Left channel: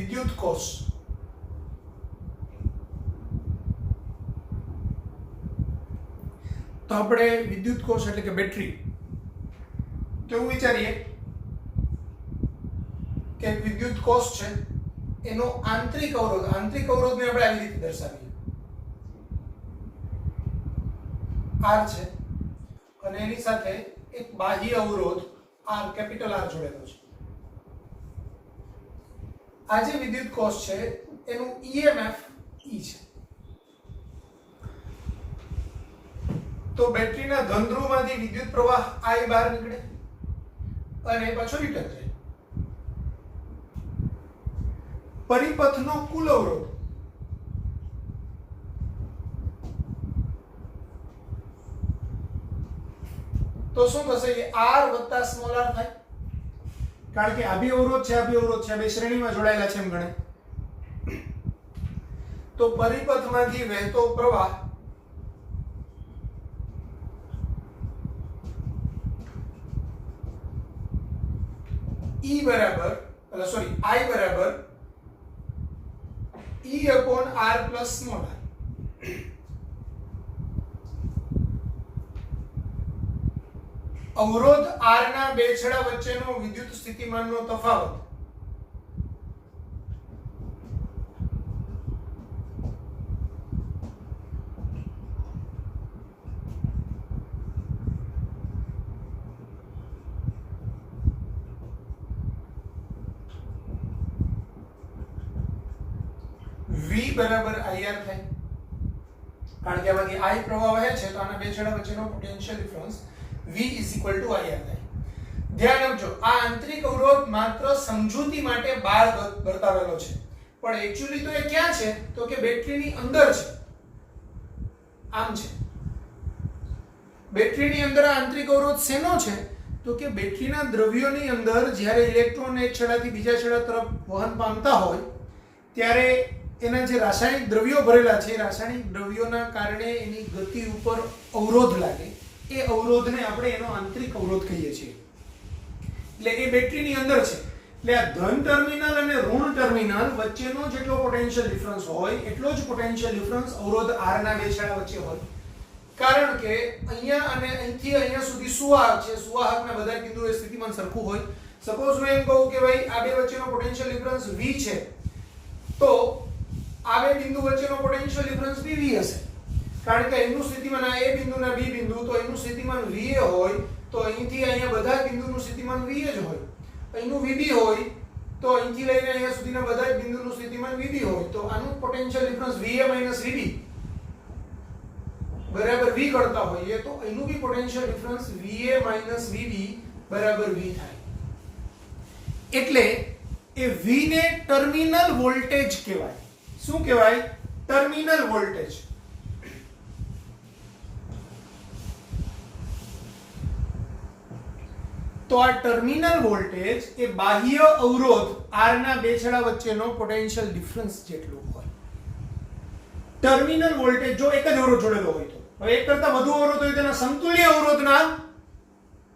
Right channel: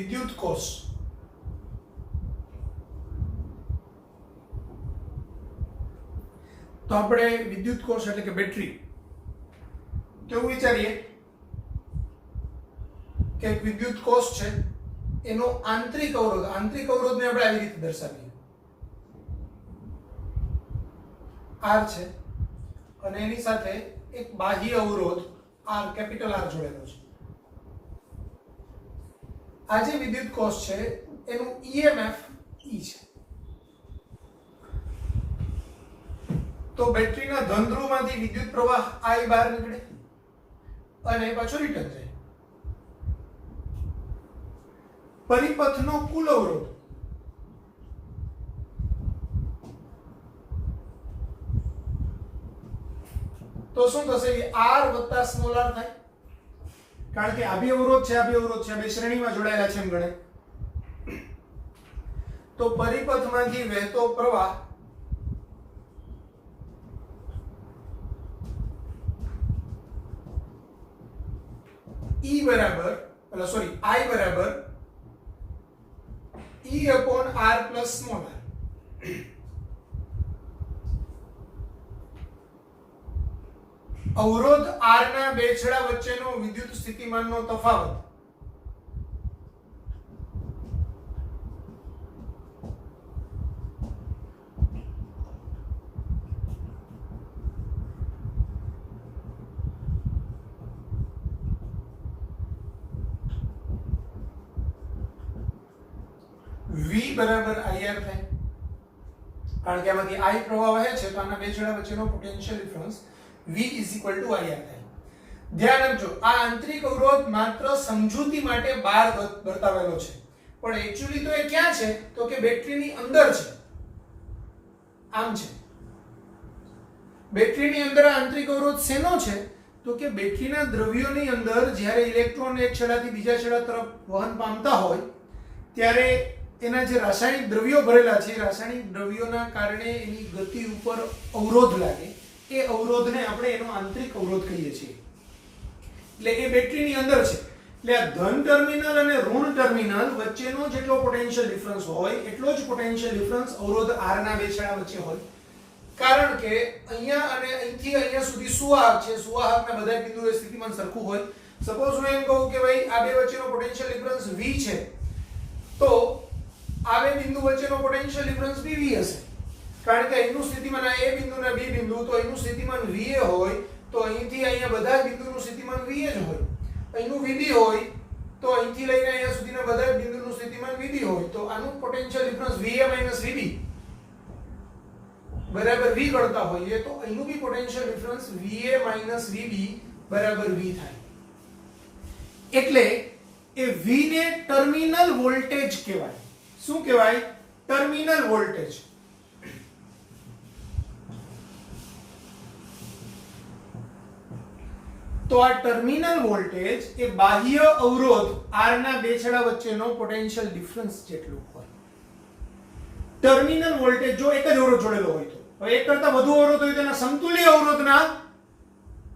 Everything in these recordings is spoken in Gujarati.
વિદ્યુત કોષ તો આપણે વિદ્યુત કોષ એટલે કે બેટરી કેવું વિચારીએ કે વિદ્યુત કોષ છે એનો આંતરિક અવરોધને આપણે આવી રીતે દર્શાવીએ R છે અને એની સાથે એક બાહ્ય અવરોધ R કેપિટલ R જોડેલો છે. આ જે વિદ્યુત કોષ છે એનું EMF E છે. તો બેટરીના ધન ધ્રુવમાંથી વિદ્યુત પ્રવાહ I બહાર નીકળે અને પાછો રિટર્ન થાય. પરિપથનો કુલ અવરોધ તો શું થશે કે R વત્તા સ્મોલ r થાય કારણ કે આભી અવરોધ છે બે શ્રેણીમાં જોડાયેલા છે એમ ગણે. તો પરિપથમાંથી વહેતો પ્રવાહ I બરાબર E upon R plus small r. અવરોધ R ના બે છેડા વચ્ચેનો વિદ્યુત સ્થિતિમાનનો તફાવત V બરાબર IR થાય કારણ કે આમાંથી I પ્રવાહ વહે છે તો આના બે છેડા વચ્ચેનો potential difference V is equal to IR થાય. ધ્યાન આપજો આ આંતરિક અવરોધ માત્ર સમજૂતી માટે બહાર બતાવેલો છે પણ એક્ચ્યુઅલી તો એ ક્યાં છે તો કે બેટરીની અંદર છે. આમ છે બેટરીની અંદર આ આંતરિક અવરોધ શેનો છે તો કે બેટરીના દ્રવ્યોની અંદર જ્યારે ઇલેક્ટ્રોન એક છેડાથી બીજા છેડા તરફ વહન પામતા હોય ત્યારે એના જે રાસાયણિક દ્રવ્યો ભરેલા છે રાસાયણિક દ્રવ્યોના કારણે એની ગતિ ઉપર અવરોધ લાગે એ અવરોધને આપણે એનો આંતરિક અવરોધ કહીએ છીએ. એટલે એ બેટરીની અંદર છે એટલે આ ધન ટર્મિનલ અને ઋણ ટર્મિનલ વચ્ચેનો જેટલો પોટેન્શિયલ ડિફરન્સ હોય એટલો જ પોટેન્શિયલ ડિફરન્સ અવરોધ R ના બે છેડા વચ્ચે હોય કારણ કે અહીંયા અને અહીંથી અહીંયા સુધી સુવાહક છે સુવાહકના બધા બિંદુએ સ્થિતિમાન સરખું હોય. સપોઝ હું એમ કહું કે ભાઈ આ બે વચ્ચેનો પોટેન્શિયલ ડિફરન્સ V છે તો આ બે બિંદુ વચ્ચેનો પોટેન્શિયલ ડિફરન્સ PV હશે કારણ કે અહીંનું સ્થિતિમાન આ A બિંદુના B બિંદુ તો અહીંનું સ્થિતિમાન VA હોય તો અહીંથી અહીંયા બધા બિંદુનું સ્થિતિમાન VA જ હોય. અહીંનું VB હોય તો અહીંથી લઈને અહીંયા સુધીના બધા બિંદુનું સ્થિતિમાન VB હોય તો આનું પોટેન્શિયલ ડિફરન્સ VA VB બરાબર V કરતા હોઈએ તો અહીંનું બી પોટેન્શિયલ ડિફરન્સ VA VB બરાબર V થાય. એટલે એ V ને ટર્મિનલ વોલ્ટેજ કહેવાય. શું કહેવાય? Terminal voltage. તો આ ટર્મિનલ વોલ્ટેજ એ બાહ્ય અવરોધ R ના બે છેડા વચ્ચેનો પોટેન્શિયલ ડિફરન્સ જેટલું હોય. ટર્મિનલ વોલ્ટેજ જો એક જ અવરોધ જોડેલો હોય તો હવે એક કરતા વધુ અવરોધ હોય તો એના સમતુલ્ય અવરોધના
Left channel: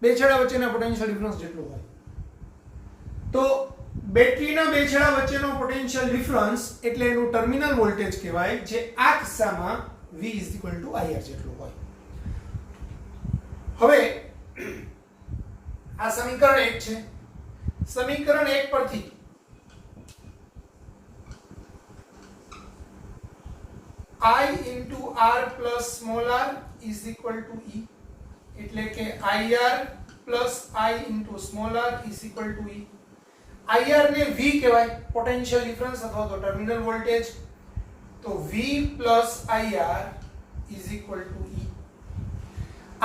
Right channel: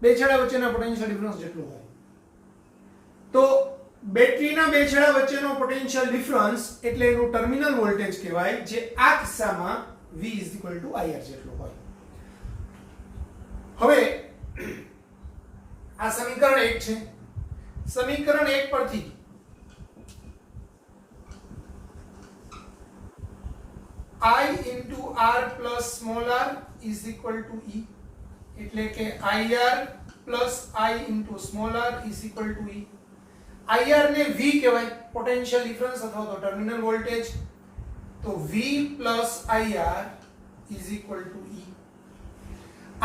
બે છેડા વચ્ચેના પોટેન્શિયલ ડિફરન્સ જેટલું હોય. તો બેટરીના બે છેડા વચ્ચેનો પોટેન્શિયલ ડિફરન્સ એટલે એનું ટર્મિનલ વોલ્ટેજ કહેવાય જે આ કિસ્સામાં V IR જેટલું હોય. હવે આ સમીકરણ 1 છે. સમીકરણ 1 પરથી I into R plus small r is equal to E એટલે કે IR plus I into small r is equal to E. IR ને V કહેવાય પોટેન્શિયલ ડિફરન્સ અથવા તો ટર્મિનલ વોલ્ટેજ તો V plus IR is equal to E.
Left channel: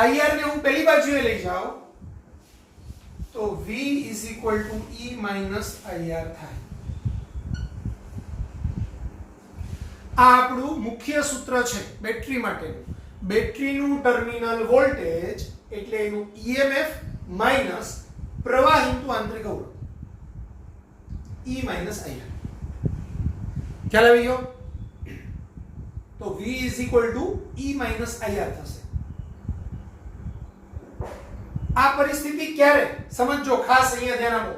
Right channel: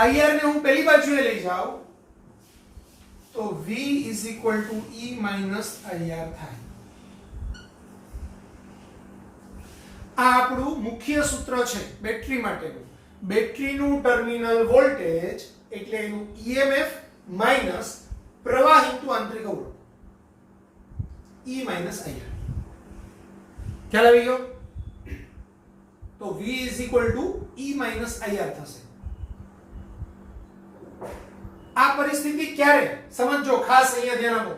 IR ને હું પહેલી બાજુએ લઈ જાઉં તો V is equal to E minus IR થાય. આ આપણું મુખ્ય સૂત્ર છે બેટરી માટેનું. બેટરીનું ટર્મિનલ વોલ્ટેજ એટલે એનું EMF માઈનસ પ્રવાહ ઇન્ટુ આંતરિક અવરોધ E minus IR. ખ્યાલ આવી ગયો? તો V is equal to E minus IR થશે. આ પરિસ્થિતિ ક્યારે સમજો ખાસ અહીંયા ધ્યાન આપો.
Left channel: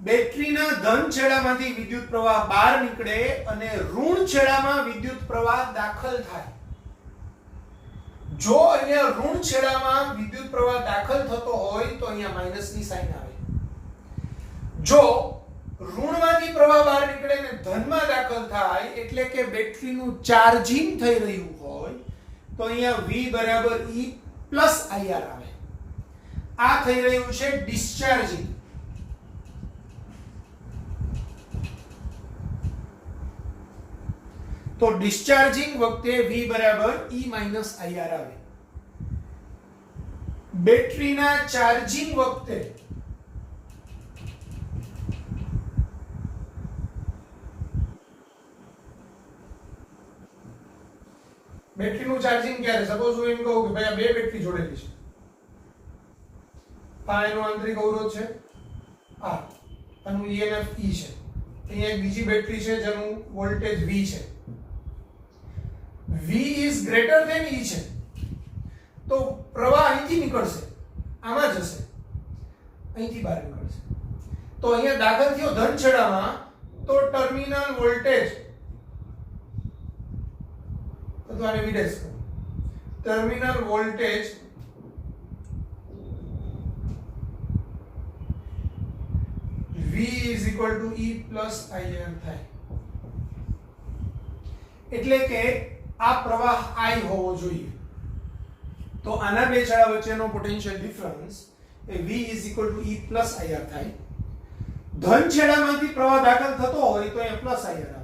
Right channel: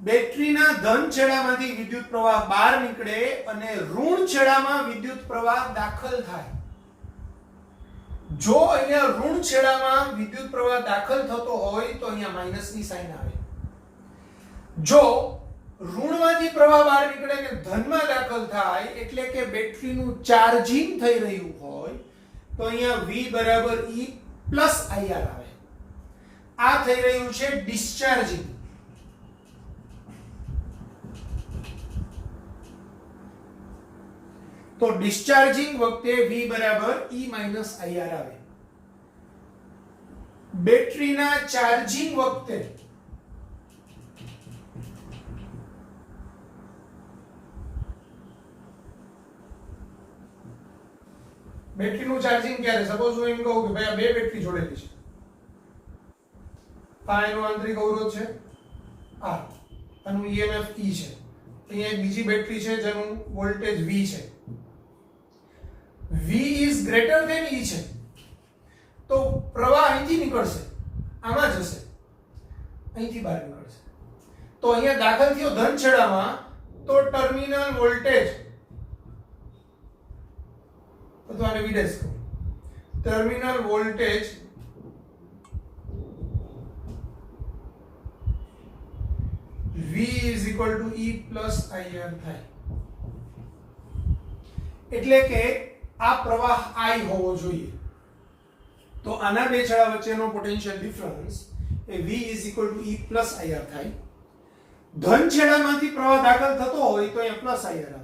બેટરીના ધન છેડામાંથી વિદ્યુત પ્રવાહ બહાર નીકળે અને ઋણ છેડામાં વિદ્યુત પ્રવાહ દાખલ થાય. જો અહીંયા ઋણ છેડામાં વિદ્યુત પ્રવાહ દાખલ થતો હોય તો અહીંયા માઈનસની સાઇન આવે. જો ઋણમાંથી પ્રવાહ બહાર નીકળે અને ધનમાં દાખલ થાય એટલે કે બેટરીનું ચાર્જિંગ થઈ રહ્યું હોય તો અહીંયા V બરાબર E પ્લસ IR આવે. આ થઈ રહ્યું છે ડિસ્ચાર્જિંગ. તો ડિસ્ચાર્જિંગ વખતે V બરાબર E માઈનસ IR આવે. બેટરીના ચાર્જિંગ વખતે બેટરીનું ચાર્જિંગ ક્યારે? સપોઝ હું એમ કહું કે ભાઈ આ બે બેટરી જોડેલી છે, આ એનો આંતરિક અવરોધ છે R, આનું EMF E છે, અહીંયા એક બીજી બેટરી છે જેનું વોલ્ટેજ V છે. V is greater than E છે તો પ્રવાહ અહીંથી નીકળશે, આમાં જશે, અહીંથી બહાર નીકળશે. તો અહીંયા દાખલ થયો ધન છેડામાં તો ટર્મિનલ વોલ્ટેજ અથવા આને V' terminal voltage V is equal to E plus IR થાય. એટલે કે આ પ્રવાહ I હોવો જોઈએ. તો આના બે છેડા વચ્ચેનો potential difference A V is equal to E plus IR થાય. ધન છેડામાંથી પ્રવાહ દાખલ થતો હોય તો અહીંયા પ્લસ IR આવે.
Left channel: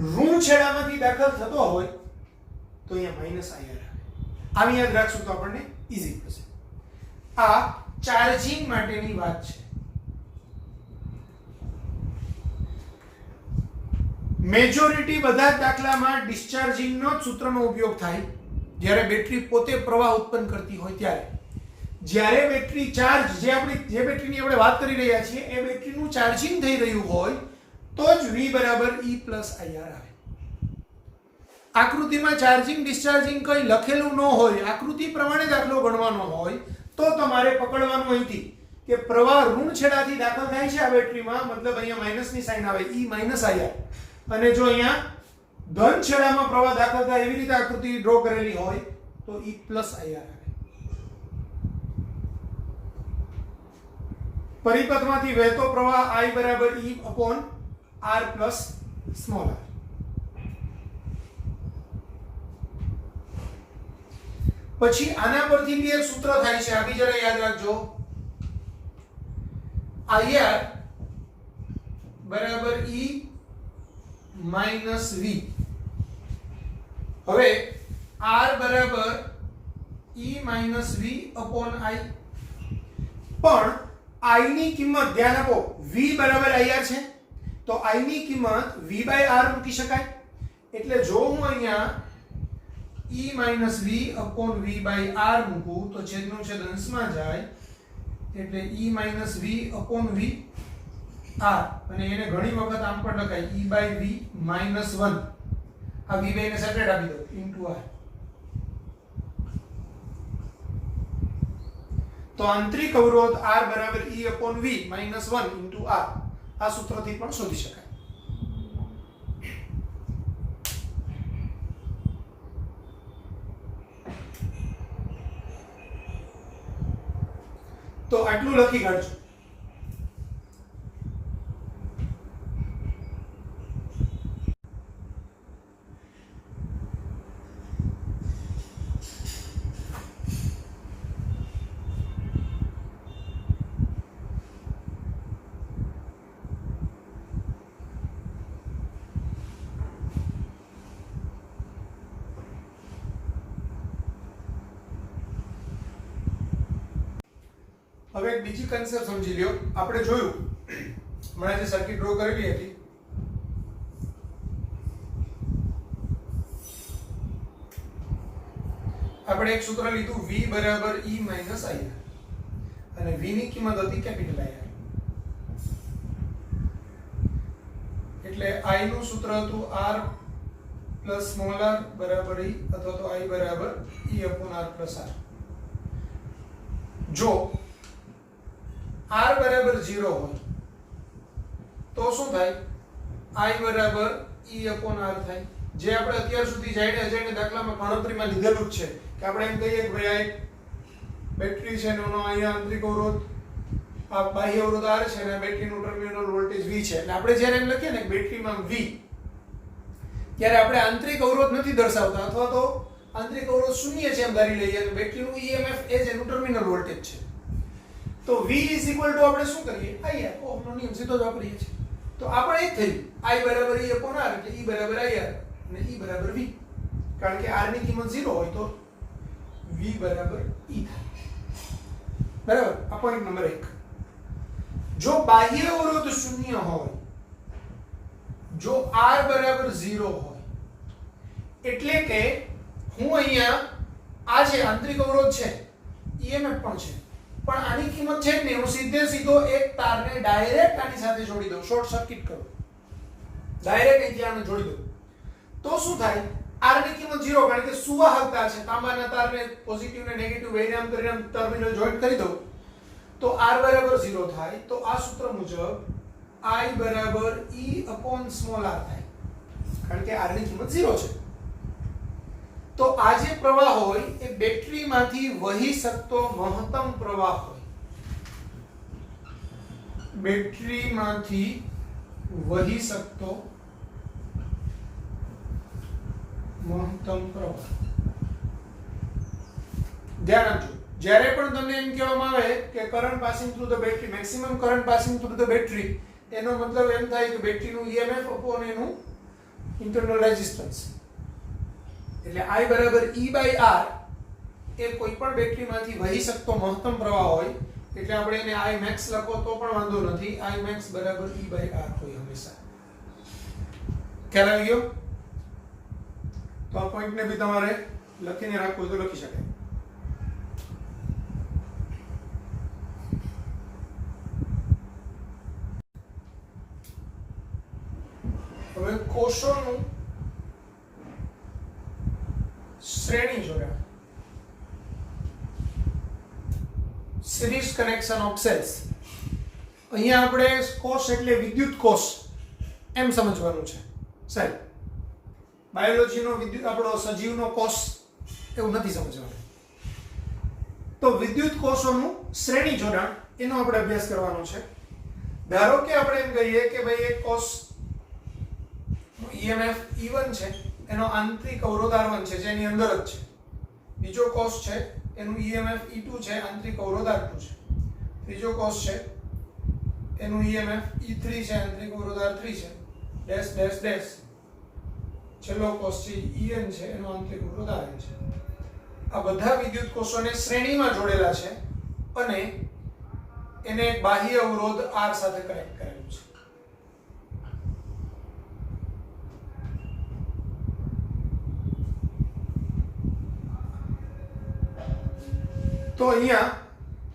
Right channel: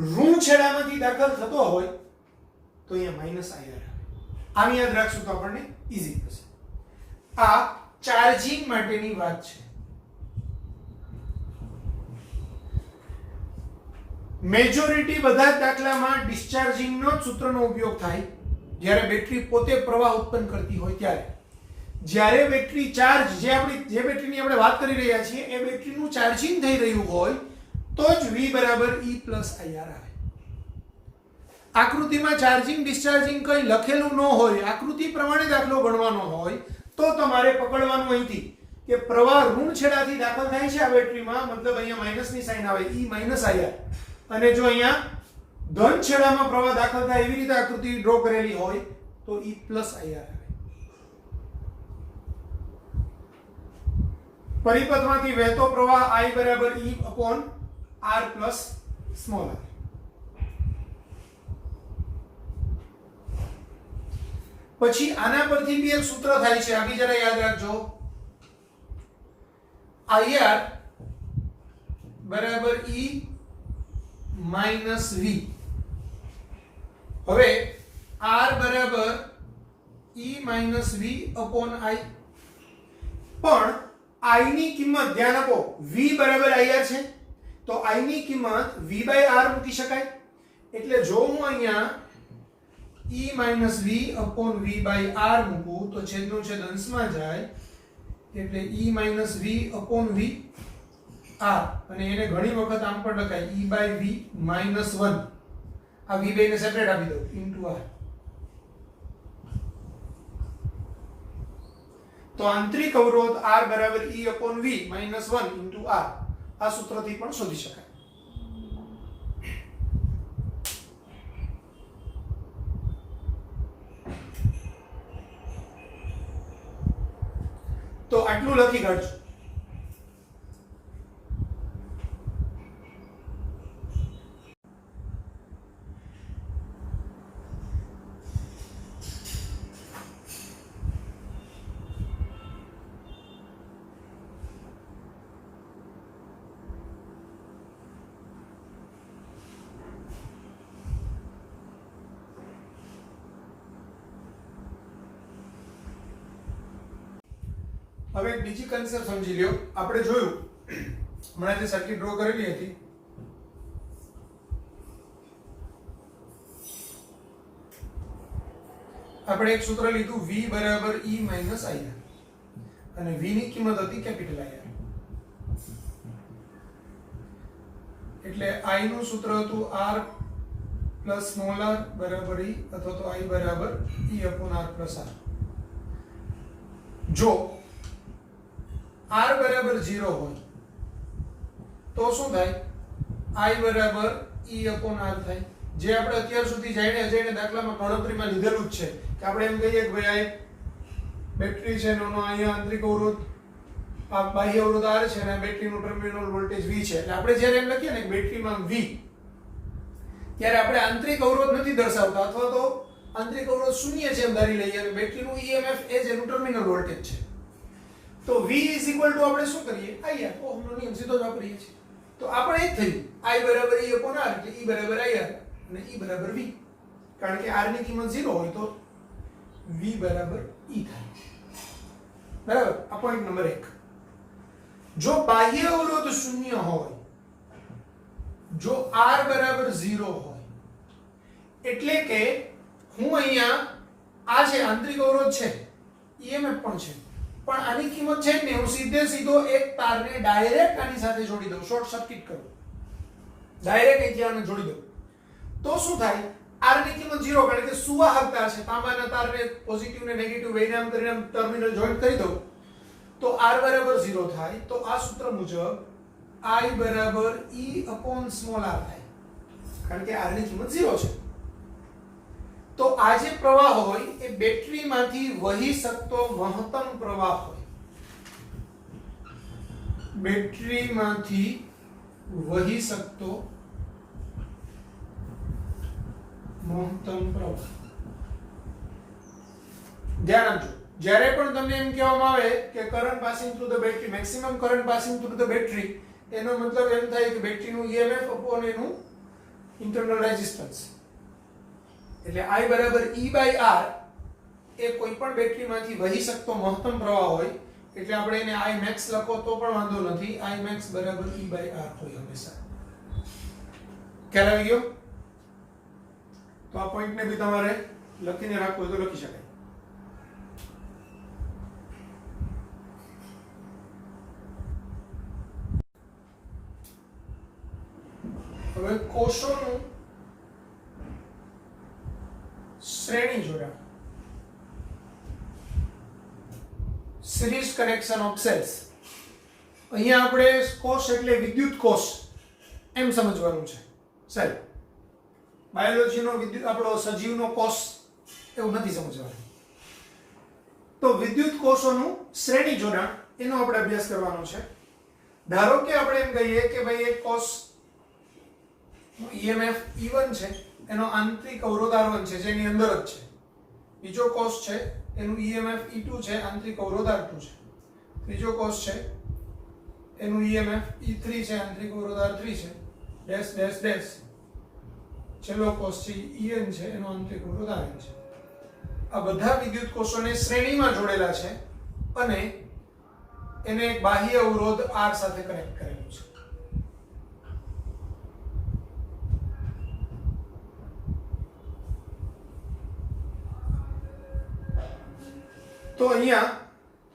ઋણ છેડામાંથી દાખલ થતો હોય તો અહીંયા માઈનસ IR આવે. આની યાદ રાખશું તો આપણને ઈઝી થશે. આ ચાર્જિંગ માટેની વાત છે. મેજોરિટી બધા જ દાખલામાં ડિસ્ચાર્જિંગનો જ સૂત્રનો ઉપયોગ થાય જ્યારે બેટરી પોતે પ્રવાહ ઉત્પન્ન કરતી હોય ત્યારે. જ્યારે બેટરી ચાર્જ જે બેટરીની આપણે વાત કરી રહ્યા છીએ એ બેટરીનું ચાર્જિંગ થઈ રહ્યું હોય તો જ V બરાબર E પ્લસ IR આવે. આકૃતિમાં ચાર્જિંગ ડિસ્ચાર્જિંગ કંઈ લખેલું ન હોય, આકૃતિ પ્રમાણે દાખલો ગણવાનો હોય તો તમારે પકડવાનું અહીંથી કે પ્રવાહ ઋણ છેડાથી દાખલ થાય છે આ બેટરીમાં, મતલબ અહીંયા માઈનસની સાઇન આવે E માઈનસ IR. અને જો અહીંયા ધન છેડામાં પ્રવાહ દાખલ થાય એવી રીતે આકૃતિ ડ્રો કરેલી હોય તો E પ્લસ IR આવે. પરિપથમાંથી વહેતો પ્રવાહ I બરાબર E upon R plus small r. પછી આના પરથી બી એક સૂત્ર થાય છે, આ બી જરા યાદ રાખજો. IR બરાબર E માઈનસ V. હવે R બરાબર E minus V upon I. પણ I ની કિંમત ધ્યાન આપો, V બરાબર IR છે તો I ની કિંમત V બાય R મૂકી શકાય. એટલે જો હું અહીંયા E minus V upon V by R મૂકું તો છેદનું છેદ અંશમાં જાય એટલે E minus V upon V R, અને એને ઘણી વખત આમ પણ લખાય E બાય V માઈનસ 1. આ V બાય ને સેપરેટ આપી દો ઇન્ટુ R. તો આંતરિક અવરોધ R બરાબર E upon V minus 1 into R. આ સૂત્રથી પણ શોધી શકાય. તો આટલું લખી કાઢજો. હવે એક બીજી કન્સેપ્ટ સમજી લ્યો. આપણે જોયું હમણાં જે સર્કિટ ડ્રો કરેલી હતી આપણે એક સૂત્ર લીધું V બરાબર E માઈનસ IR અને V ની કિંમત હતી કેપિટલ IR. એટલે I નું સૂત્ર હતું R પ્લસ સ્મોલ r બરાબર E અથવા તો I બરાબર E upon R plus R. જો R બરાબર 0 હોય તો શું થાય I બરાબર E upon R થાય, જે આપણે અત્યાર સુધી જઈને દાખલામાં ગણતરીમાં લીધેલું જ છે કે આપણે એમ કહીએ કે ભાઈ આ એક બેટરી છે એનો અહીંયા આંતરિક અવરોધ આ બાહ્ય અવરોધ R છે અને બેટરીનું ટર્મિનલ વોલ્ટેજ V છે, એટલે આપણે જ્યારે એમ લખીએ ને કે બેટરીમાં V, ત્યારે આપણે આંતરિક અવરોધ નથી દર્શાવતા અથવા તો આંતરિક અવરોધ શૂન્ય છે એમ ધારી લઈએ અને બેટરીનું EMF એ જ એનું ટર્મિનલ વોલ્ટેજ છે. તો V આપણે શું કરીએ IR, ઓહમનો નિયમ સીધો જ વાપરીએ છીએ. તો આપણે એ થયું I બરાબર E upon R એટલે E બરાબર IR અને E બરાબર V, કારણ કે R ની કિંમત 0 હોય તો V બરાબર E થાય. બરાબર, આ પોઈન્ટ નંબર 1. જો બાહ્ય અવરોધ શૂન્ય હોય, જો R બરાબર 0 હોય, એટલે કે હું અહીંયા આ જે આંતરિક અવરોધ છે EMF પણ છે, પણ આની કિંમત છે ને હું સીધો એક તારને ડાયરેક્ટ આની સાથે જોડી દઉં, શોર્ટ સર્કિટ કરું, ડાયરેક્ટ અહીંથી આને જોડી દઉં, તો શું થાય R ની કિંમત 0, કારણ કે સુવાહકતા છે, તાંબાના તારને પોઝિટિવ ને નેગેટિવ બેને આમ કરીને ટર્મિનલ જોઈન્ટ કરી દઉં તો R બરાબર 0 થાય. તો આ સૂત્ર મુજબ I બરાબર E upon small r થાય, કારણ કે R ની કિંમત 0 છે. તો આ જે પ્રવાહ હોય એ બેટરીમાંથી વહી શકતો મહત્તમ પ્રવાહ હોય, બેટરીમાંથી વહી શકતો મહત્તમ પ્રવાહ. ધ્યાન આપજો, જ્યારે પણ તમને એમ કહેવામાં આવે કે current passing through the battery, maximum current passing through the battery, એનો મતલબ એમ થાય કે બેટરીનું EMF upon એનું ઇન્ટરનલ રેઝિસ્ટન્સ, એટલે I બરાબર E by R એ કોઈ પણ બેટરીમાંથી વહી શકતો મહત્તમ પ્રવાહ હોય, એટલે આપણે એને I max લખો તો પણ વાંધો નથી, I max બરાબર E by R હોય હંમેશા. ખ્યાલ આવી ગયો? તો આ પોઈન્ટને બી તમારે લખીને રાખવું તો લખી શકાય. હવે કોષોનું શ્રેણી જોડાણ, સિરીઝ કનેક્શન ઓફ સેલ્સ. અહીંયા આપણે કોષ એટલે વિદ્યુત કોષ એમ સમજવાનું છે. સેલ બાયોલોજીનો વિદ્યુત આપણો સજીવનો કોષ એવું નથી સમજવાનું. તો વિદ્યુત કોષોનું શ્રેણી જોડાણ એનો આપણે અભ્યાસ કરવાનો છે. ધારો કે આપણે એમ કહીએ કે ભાઈ એક કોષ EMF E1 છે, એનો આંતરિક અવરોધ R1 છે જેની અંદર જ છે. બીજો કોષ છે એનું EMF E2 છે, આંતરિક અવરોધ R2 છે. ત્રીજો કોષ છે એનું EMF E3 છે, આંતરિક અવરોધ R3 છે. Dash dash dash. છેલ્લો કોષ છે EN છે, એનો આંતરિક અવરોધ RN છે. આ બધા વિદ્યુત કોષોને શ્રેણીમાં જોડેલા છે અને એને એક બાહ્ય અવરોધ R સાથે કનેક્ટ કરેલું છે. તો અહીંયા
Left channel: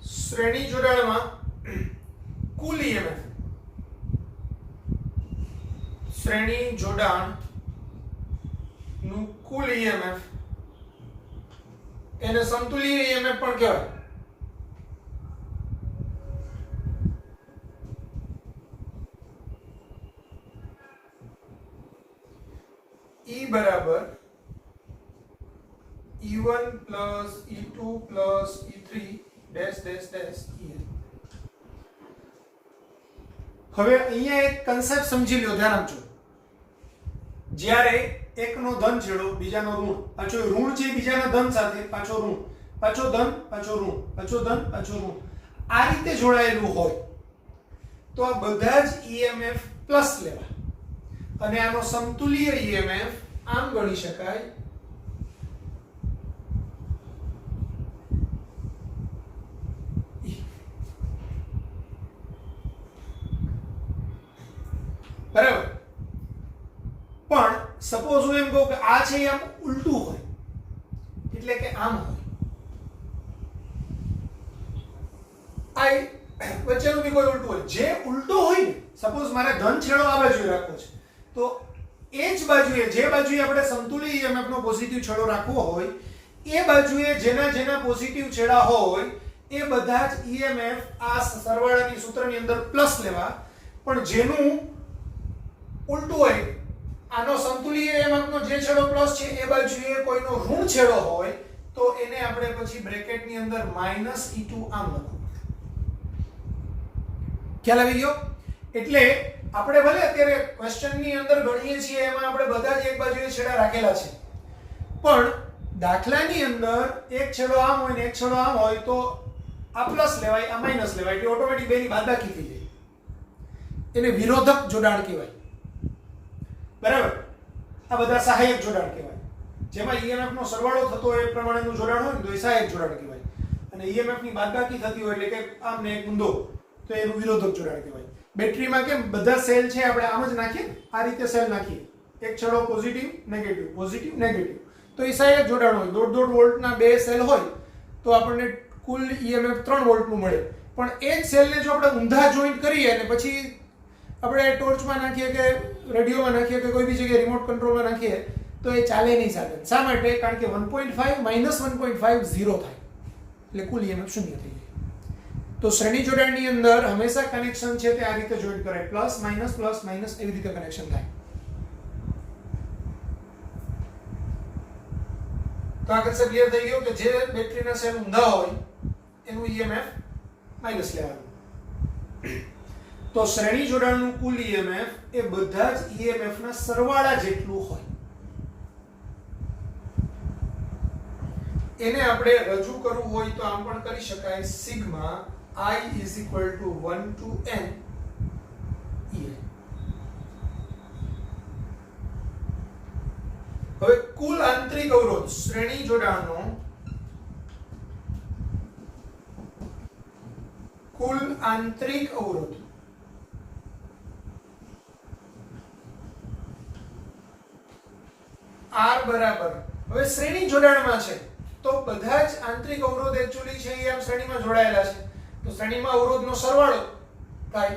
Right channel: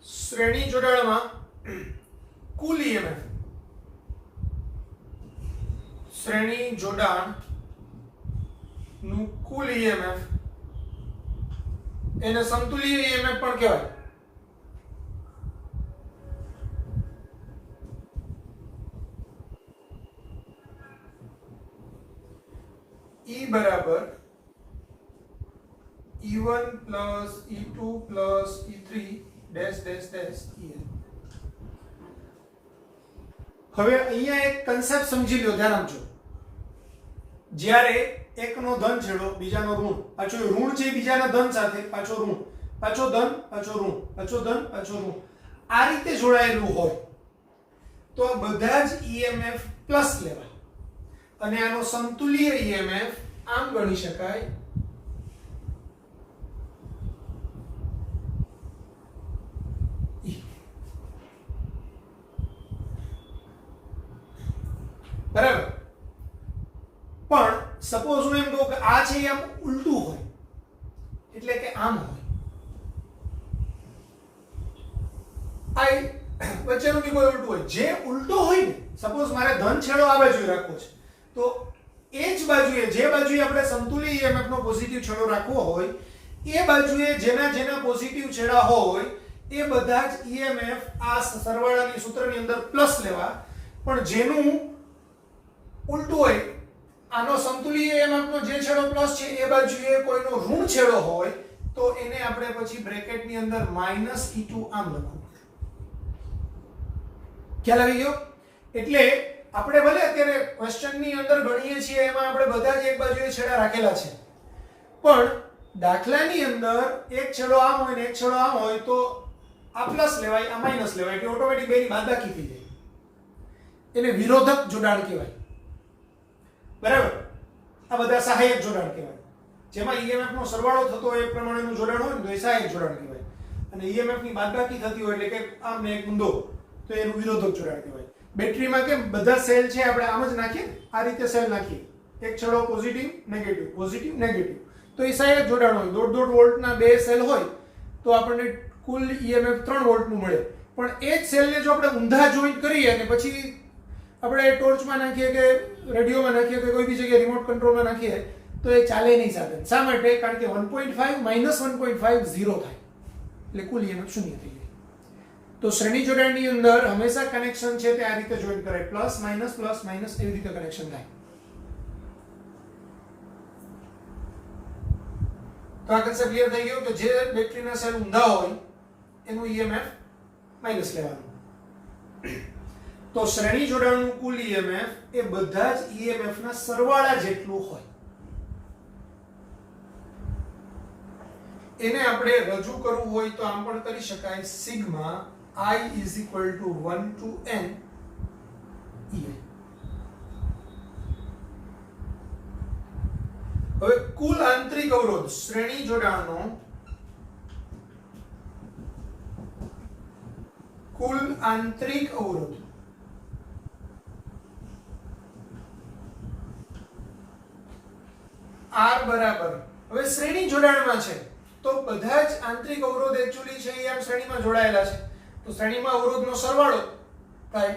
શ્રેણી જોડાણમાં કુલ EMF, શ્રેણી જોડાણ નું કુલ EMF એને સમતુલ્ય EMF પણ કહેવાય. E બરાબર E1 plus E2 plus E3 dash dash dash EN. હવે અહીંયા એક કન્સેપ્ટ સમજી લ્યો, ધ્યાન આપજો. જ્યારે એકનો ધન છેડો બીજાનો ઋણ, પાછો ઋણ છે બીજાના ધન સાથે, પાછો ઋણ, પાછો ધન, પાછો ઋણ, પાછો ધન, પાછો ઋણ, આ રીતે જોડાયેલું હોય તો આ બધા જ EMF પ્લસ લેવા અને આનો સમતુલ્ય EMF આમ ગણી શકાય બરાબર. પણ સપોઝ હું એમ કહું કે આ છે આમ ઉલટું હોય, એટલે કે આમ હોય, આ વચ્ચેનું બી કોઈ ઉલટું હોય. જે ઉલટું હોય ને, સપોઝ મારે ધન છેડો આ બાજુ રાખવો છે, તો એ જ બાજુએ જે બાજુએ આપણે સમતુલ્ય EMF નો પોઝિટિવ છેડો રાખવો હોય એ બાજુએ જેના પોઝિટિવ છેડા હોય એ બધા જ EMF આ સરવાળાની સૂત્રની અંદર પ્લસ લેવા પણ જેનું ઉલટું હોય, આનો સંતુલીય EMF નો જે છેડો પ્લસ છે એ બાજુએ કોઈનો ઋણ છેડો હોય તો એને આપણે પછી બ્રેકેટની અંદર -E2 આમ લખવું. ખ્યાલ આવી ગયો? એટલે આપણે ભલે અત્યારે ક્વેશ્ચનની અંદર ગણીએ છીએ એમાં આપણે બધા જ એક બાજુએ છેડા રાખેલા છે, પણ દાખલાની અંદર એક છેડો આમ હોય ને એક છેડો આમ હોય તો આ પ્લસ લેવાય, આ માઈનસ લેવાય, એટલે ઓટોમેટિક બેની બાદબાકી થઈ જાય. એને વિરોધક જોડાણ કહેવાય. બરાબર? આ બધા સહાયક જોડાણ કહેવાય. જેમાં EMF નો સરવાળો થતો હોય એ પ્રમાણેનું જોડાણ હોય ને તો એ સહાયક જોડાણ કહેવાય, અને EMF ની બાદબાકી થતી હોય એટલે કે આમ ને એક ઊંધો તો એનું વિરોધક જોડાણ કહેવાય. બેટરીમાં કેમ બધા સેલ છે આપણે આમ જ નાખીએ, આ રીતે સેલ નાખીએ, એક છેડો પોઝિટિવ નેગેટિવ, તો એ સહાયક જોડાણ હોય. 1.5 વોલ્ટના બે સેલ હોય તો આપણને કુલ EMF 3 વોલ્ટનું મળે. પણ એ જ સેલને જો આપણે ઊંધા જોઈન્ટ કરીએ અને પછી આપણે ટોર્ચમાં નાખીએ કે રેડિયોમાં નાખીએ કે કોઈ બી જગ્યાએ રિમોટ કંટ્રોલમાં નાખીએ તો એ ચાલે નહીં સાધન. શા માટે? કારણ કે 1.5 -1.5 0 થાય એટલે કુલ EMF શૂન્ય થઈ જાય. તો શ્રેણી જોડાણની અંદર હંમેશા કનેક્શન છે તે આ રીતે જોઈન્ટ કરાય, પ્લસ માઇનસ એવી રીતે કનેક્શન થાય. તો આ કન્સેપ્ટ ક્લિયર થઈ ગયો કે જે બેટરીના સેલ ઊંધા હોય એનું EMF માઈનસ લેવાનું. તો શ્રેણી જોડાણનું કુલ EMF એ બધા જ EMF ના સરવાળા જેટલું હોય. એને આપણે રજૂ કરવું હોય તો આમ પણ કરી શકાય, sigma I is equal to 1 to n EI. હવે કુલ આંતરિક અવરોધ શ્રેણી જોડાણનો કુલ આંતરિક અવરોધ R બરાબર, હવે શ્રેણી જોડાણમાં છે તો બધા જ આંતરિક અવરોધ એક્ચ્યુઅલી છે એ આમ શ્રેણીમાં જોડાયેલા છે, તો શ્રેણીમાં અવરોધનો સરવાળો થાય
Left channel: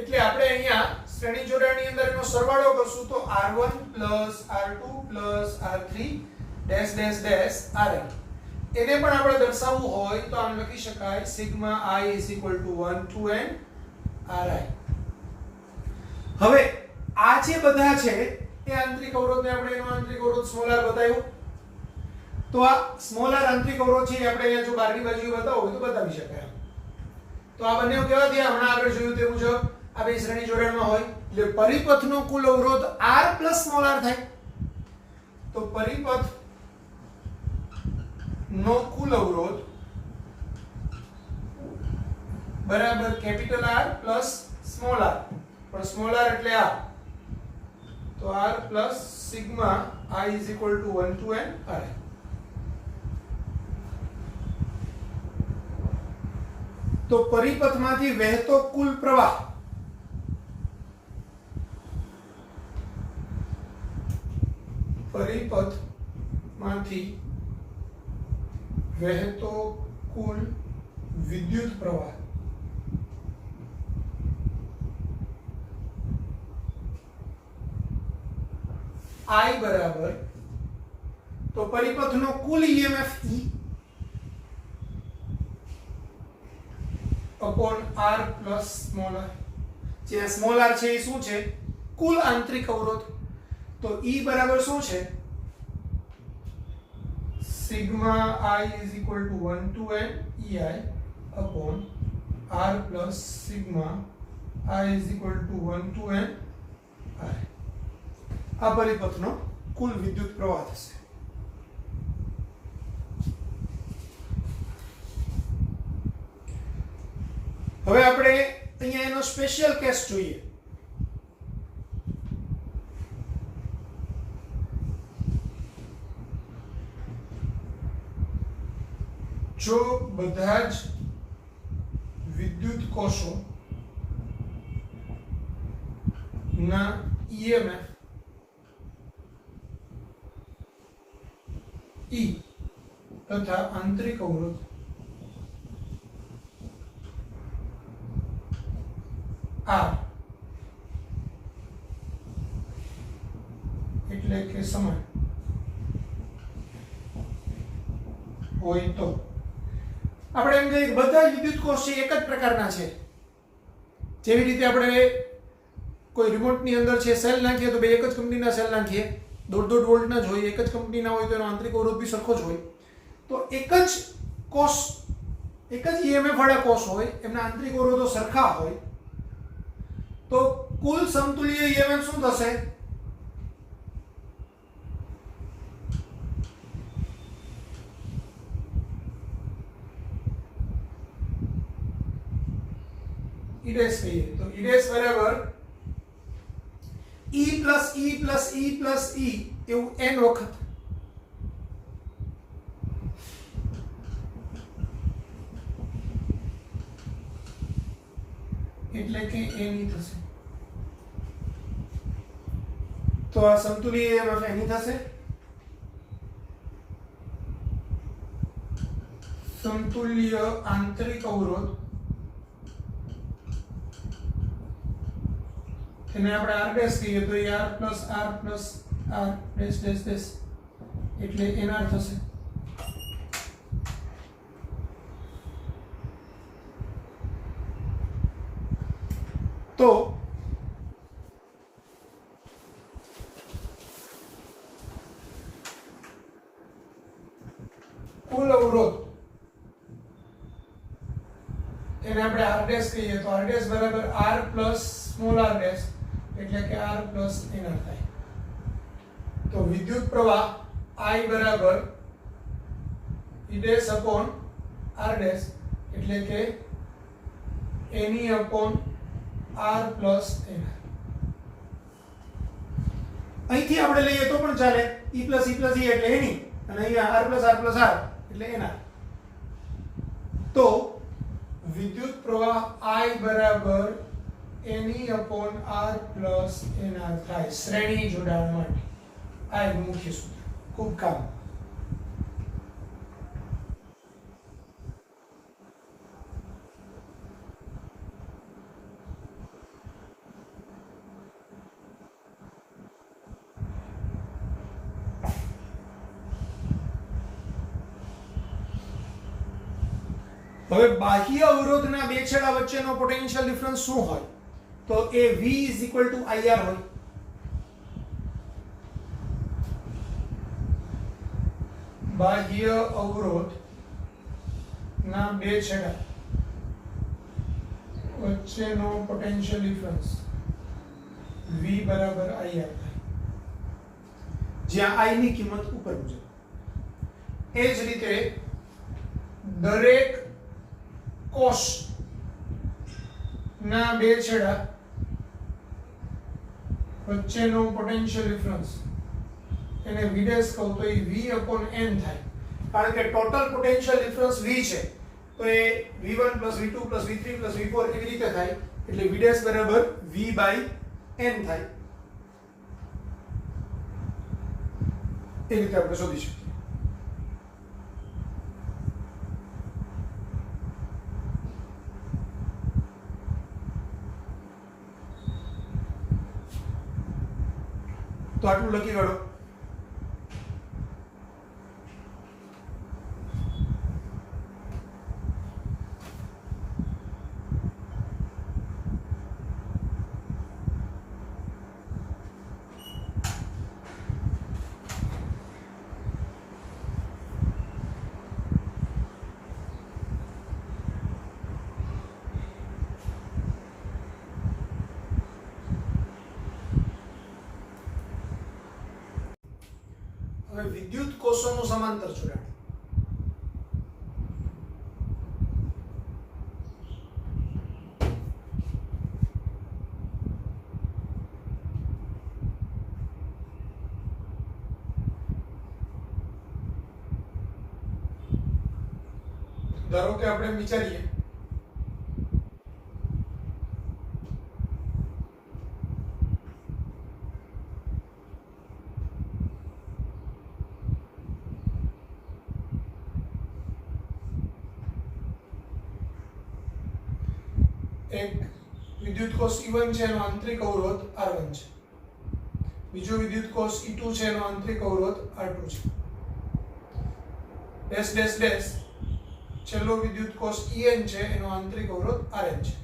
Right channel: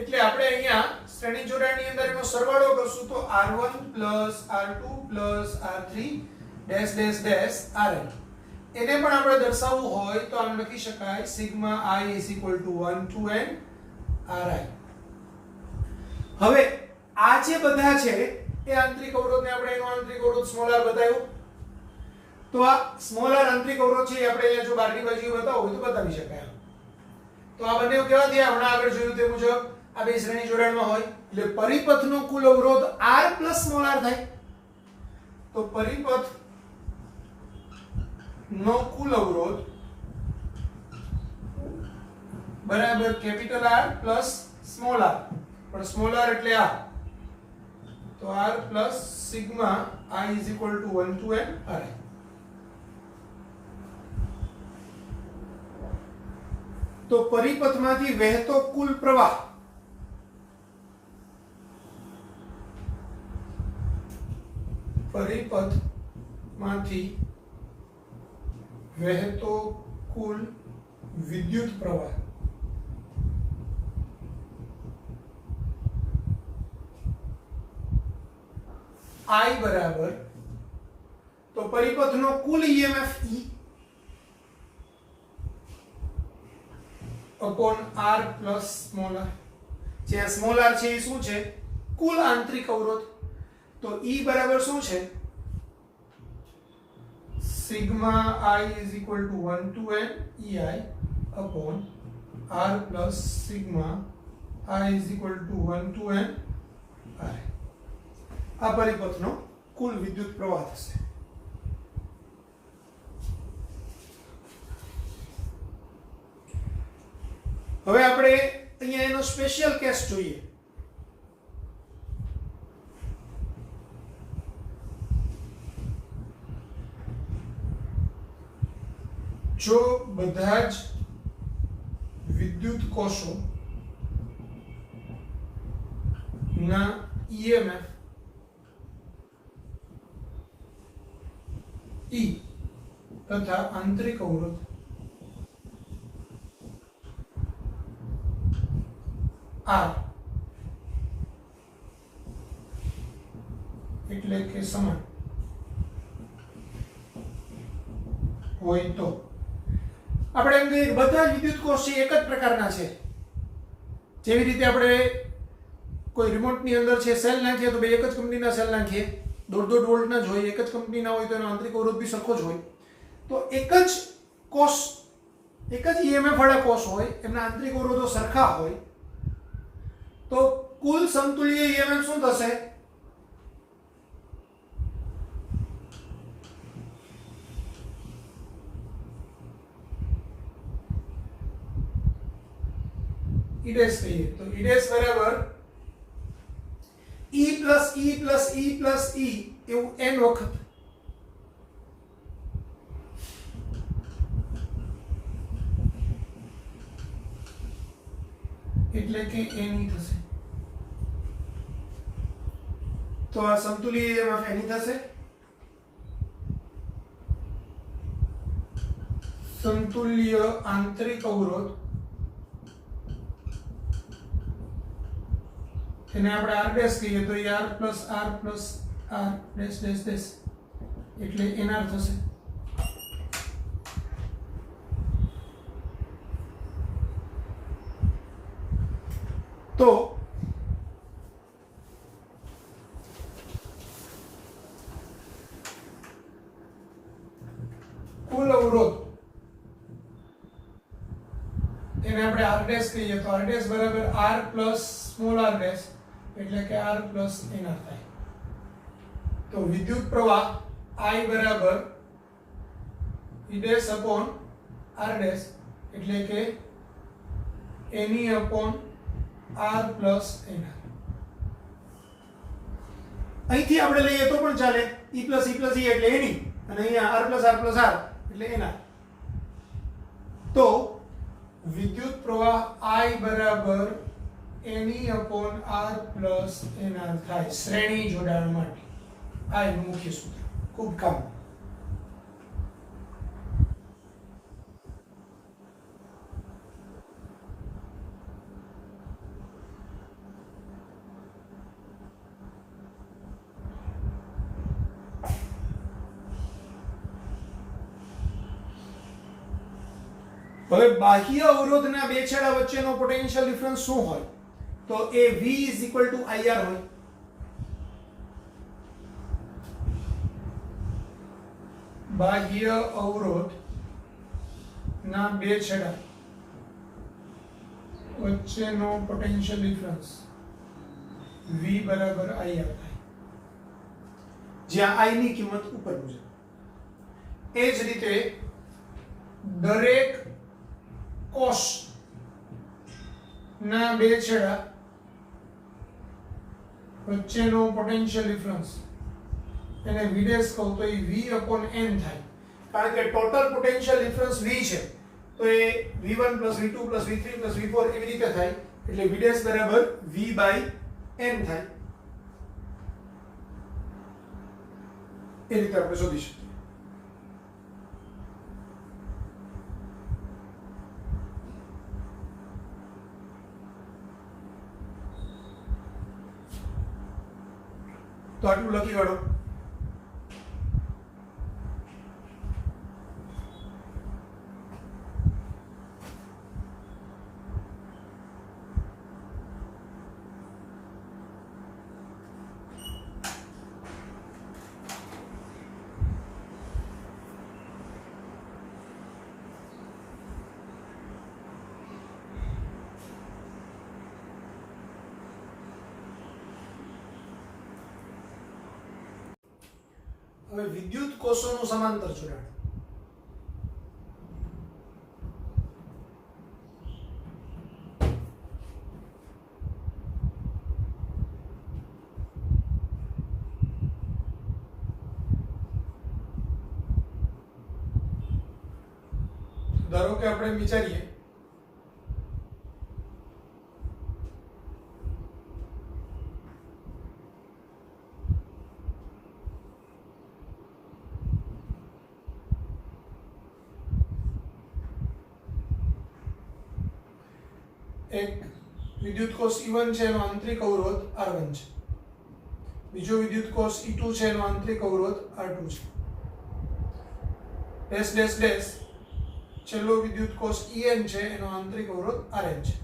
એટલે આપણે અહીંયા શ્રેણી જોડાણની અંદર એનો સરવાળો કરશું તો R1 R2 R3 dash dash dash Rn. એને પણ આપણે દર્શાવવું હોય તો આમ લખી શકાય sigma I is equal to 1 to n Ri. હવે આ જે બધા છે એ આંતરિક અવરોધને આપણે એનો આંતરિક અવરોધ સ્મોલ r બતાવ્યો, તો આ સ્મોલ r આંતરિક અવરોધ છે એ આપણે અહીંયા જો બહારની બાજુએ બતાવવું હોય તો બતાવી શકાય. તો આ બંને કેવા થયા? હમણાં આગળ જોયું તે મુજબ આ બે શ્રેણી જોડાણમાં હોય એટલે પરિપથનો કુલ અવરોધ r પ્લસ સ્મોલ r થાય. તો પરિપથ નો કુલ અવરોધ બરાબર capital R plus small r, પણ સ્મોલ r એટલે આ, તો r plus sigma I is equal to 1 to n Ri. તો પરિપથમાંથી વહેતો કુલ પ્રવાહ પરિપથમાંથી વહેતો કુલ વિદ્યુત પ્રવાહ I બરાબર, તો પરિપથનો કુલ EMF E upon R plus small r. જે સ્મોલ r છે એ શું છે? કુલ આંતરિક અવરોધ. તો E બરાબર શું છે? Sigma I is equal to 1 to n EI upon R plus sigma I is equal to 1 to n Ri. આ પરિપથનો કુલ વિદ્યુત પ્રવાહ થશે. હવે આપણે અહીંયા એનો સ્પેશિયલ કેસ જોઈએ. જો બધા જ વિદ્યુત કોષો ના EMF E તથા આંતરિક અવરોધ R એટલે કે સમાન હોય તો આપણે એમ કહીએ બધા જ વિદ્યુત કોષ છે એક જ પ્રકારના છે. જેવી રીતે આપણે કોઈ રિમોટની અંદર છે સેલ નાખીએ તો બે એક જ કંપનીના સેલ નાખીએ, 1.5 વોલ્ટના જ હોય, એક જ કંપનીના હોય તો એનો આંતરિક અવરોધ બી સરખો જ હોય. તો એક જ કોષ, એક જ ઈએમએફ વાળા કોષ હોય, એમના આંતરિક અવરોધો સરખા હોય, તો કુલ સમતુલ્ય ઈએમએફ શું થશે? E ડેશ કહીએ તો E ડેશ બરાબર E plus E plus E plus E એવું n વખત. એટલે કે n થશે. તો આ સમતુલ્ય ઈએમએફ n થશે. સમતુલ્ય આંતરિક અવરોધ એને આપણે r ડેશ કહીએ તો એ r plus r dash dash dash એટલે nr થશે. તો કુલ અવરોધ એને આપણે r ડેશ કહીએ તો r ડેશ બરાબર r plus small r dash એટલે કે r પ્લસ nr થાય. તો વિદ્યુત પ્રવાહ I બરાબર E dash upon r dash એટલે કે ne upon r plus nr. અહીંથી આપણે લઈએ તો પણ ચાલે, E plus E plus E એટલે ne અને અહીંયા r plus r plus r એટલે nr. તો વિદ્યુત પ્રવાહ I બરાબર ne upon r plus nr થાય શ્રેણી જોડાણ માટે. આ એક મુખ્ય સૂત્ર, ખૂબ કામ. હવે બાહ્ય અવરોધના બે છેડા વચ્ચેનો પોટેન્શિયલ ડિફરન્સ શું હોય? તો એ V IR હોય. બાહ્ય અવરોધ ના બે છેડા વચ્ચેનો પોટેન્શિયલ ડિફરન્સ V બરાબર IR થાય, જ્યાં I ની કિંમત ઉપર મુજબ. એ જ રીતે દરેક કોષ ના બે છેડા વચ્ચેનો પોટેન્શિયલ ડિફરન્સ એને V ડેશ કહું તો એ V અપોન n થાય, કારણ કે ટોટલ પોટેન્શિયલ ડિફરન્સ V છે તો એ V1 V2 V3 V4 એવી રીતે થાય, એટલે V ડેશ બરાબર V બાય n થાય. એ રીતે આપણે શોધી શકીએ. તો આટલું લખી કાઢો. હવે વિદ્યુત કોષોનું સમાંતર જોડાણ. ધારો કે આપણે વિચારીએ એક વિદ્યુત કોષ E1 છે એનો આંતરિક અવરોધ R1 છે, બીજો વિદ્યુત કોષ E2 છે એનો આંતરિક અવરોધ R2 છે, ડેશ ડેશ ડેશ છેલ્લો વિદ્યુત કોષ En છે એનો આંતરિક અવરોધ Rn છે.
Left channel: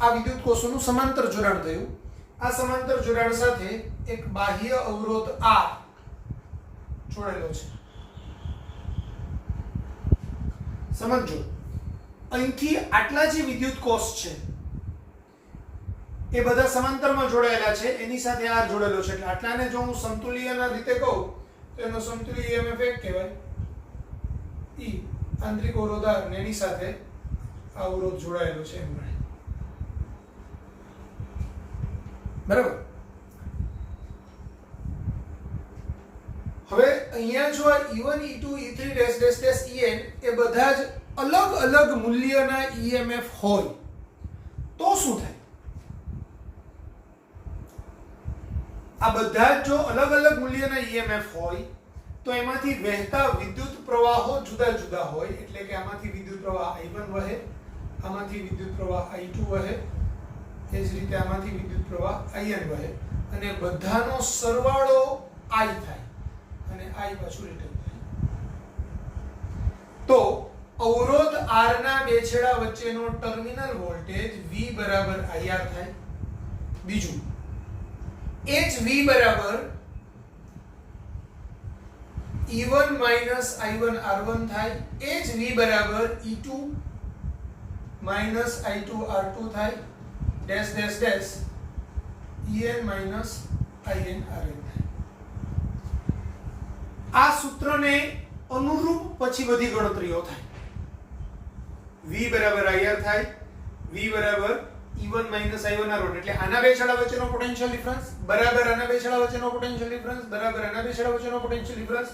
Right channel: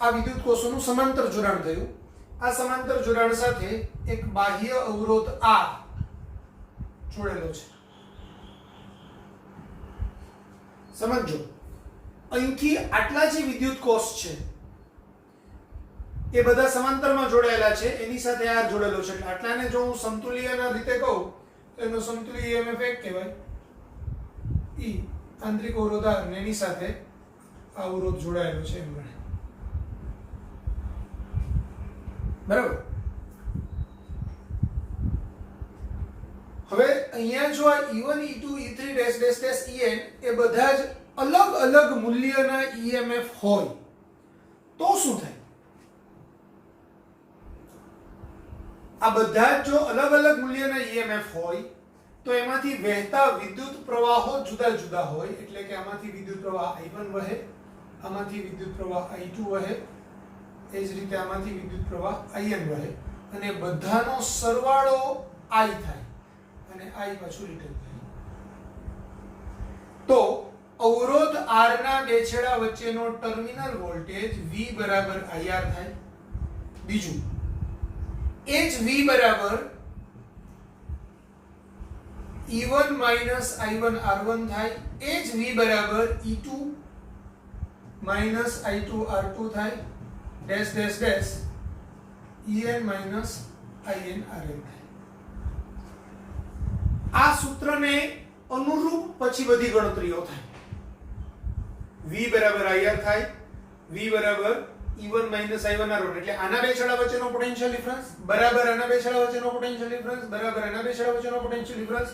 આ વિદ્યુત કોષોનું સમાંતર જોડાણ થયું. આ સમાંતર જોડાણ સાથે એક બાહ્ય અવરોધ R જોડેલો છે. સમજો, અહીંથી આટલા જે વિદ્યુત કોષ છે એ બધા સમાંતરમાં જોડાયેલા છે, એની સાથે R જોડેલો છે, એટલે આટલાને જો હું સમતુલ્યના રીતે કહું તો એનો સમતુલ્ય EMF એક કહેવાય, E આંતરિક અવરોધ R, ને એની સાથે આ અવરોધ જોડાયેલો છે એમ ગણાય. બરાબર. હવે અહીંયા જો આ E1 E2 E3 dash dash dash En એ બધા જ અલગ અલગ મૂલ્યના EMF હોય તો શું થાય? આ બધા જ જો અલગ અલગ મૂલ્યના EMF હોય તો એમાંથી વહેતા વિદ્યુત પ્રવાહો જુદા જુદા હોય, એટલે કે આમાંથી વિદ્યુત પ્રવાહ I1 વહે, આમાંથી વિદ્યુત પ્રવાહ I2 વહે, એ જ રીતે આમાંથી વિદ્યુત પ્રવાહ In વહે, અને બધાનો સરવાળો I થાય અને I પાછું રિટર્ન થાય. તો અવરોધ R ના બે છેડા વચ્ચેનો ટર્મિનલ વોલ્ટેજ V બરાબર IR થાય. બીજું, એ જ V બરાબર E1 માઈનસ I1 R1 થાય, એ જ V બરાબર E2 માઈનસ I2 R2 થાય, dash dash dash En minus In Rn થાય. આ સૂત્રને અનુરૂપ પછી બધી ગણતરીઓ થાય. V બરાબર IR થાય, V બરાબર E1 માઈનસ I1 R1, એટલે આના બે છેડા વચ્ચેનો પોટેન્શિયલ ડિફરન્સ બરાબર આના બે છેડા વચ્ચેનો પોટેન્શિયલ ડિફરન્સ બરાબર આના બે છેડા વચ્ચેનો પોટેન્શિયલ ડિફરન્સ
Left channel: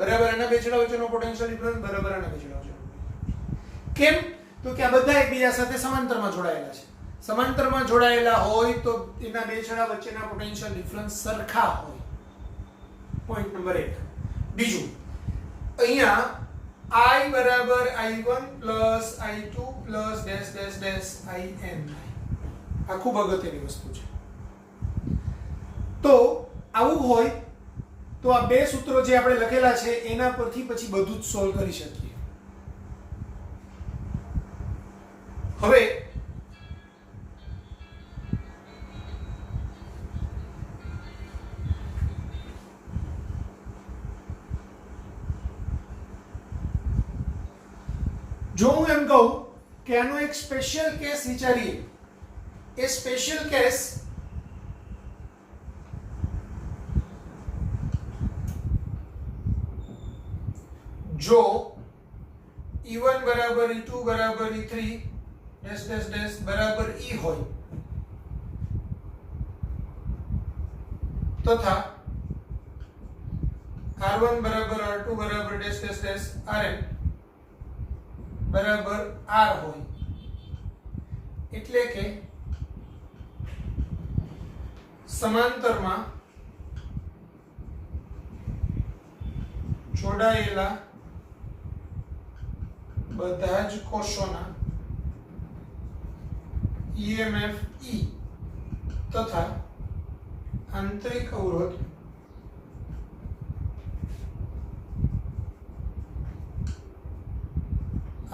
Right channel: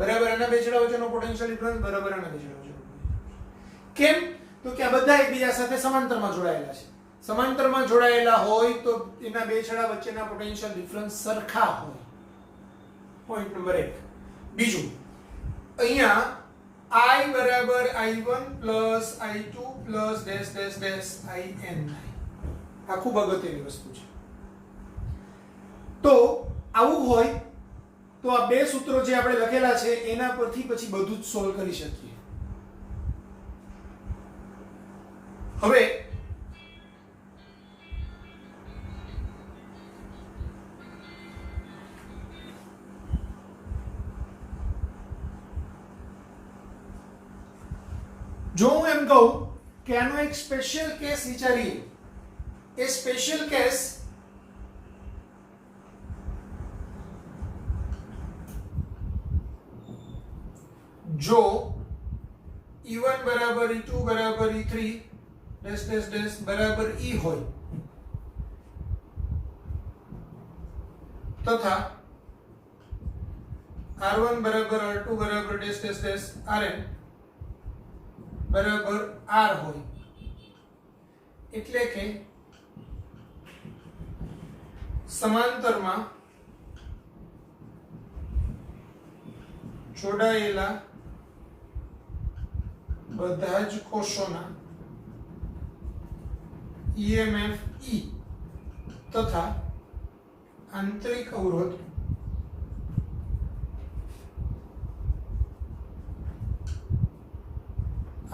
બરાબર આના બે છેડા વચ્ચેનો પોટેન્શિયલ ડિફરન્સ બરાબર આના બે છેડા વચ્ચેનો. કેમ? તો કે આ બધા એકબીજા સાથે સમાંતરમાં જોડાયેલા છે. સમાંતરમાં જોડાયેલા હોય તો એના બે છેડા વચ્ચેના પોટેન્શિયલ ડિફરન્સ સરખા હોય. Point number 1. બીજું, અહીંયા I બરાબર I1 plus I2 plus dash dash dash In. આ ખૂબ અગત્યની વસ્તુ છે. તો આવું હોય તો આ બે સૂત્રો જે આપણે લખેલા છે એના પરથી પછી બધું જ સોલ્વ કરી શકીએ. હવે જો હું એમ કહું કે આનો એક સ્પેશિયલ કેસ વિચારીએ, એ સ્પેશિયલ કેસ જો E1 બરાબર E2 બરાબર E3 ડેશ ડેશ ડેશ બરાબર E હોય તથા R1 બરાબર R2 બરાબર ડેશ ડેશ ડેશ Rn બરાબર R હોય, એટલે કે સમાંતરમાં જોડાયેલા બધા જ કોષોના EMF E તથા આંતરિક અવરોધ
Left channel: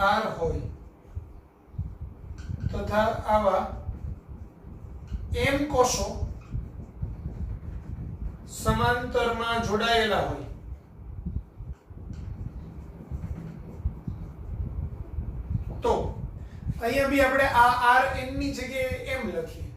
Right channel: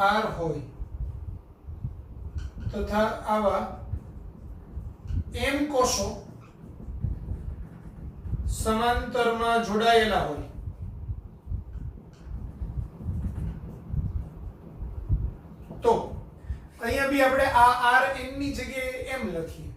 R હોય તથા આવા M કોષો સમાંતરમાં જોડાયેલા હોય તો અહીંયા બી આપણે આ Rn ની જગ્યાએ M લખીએ.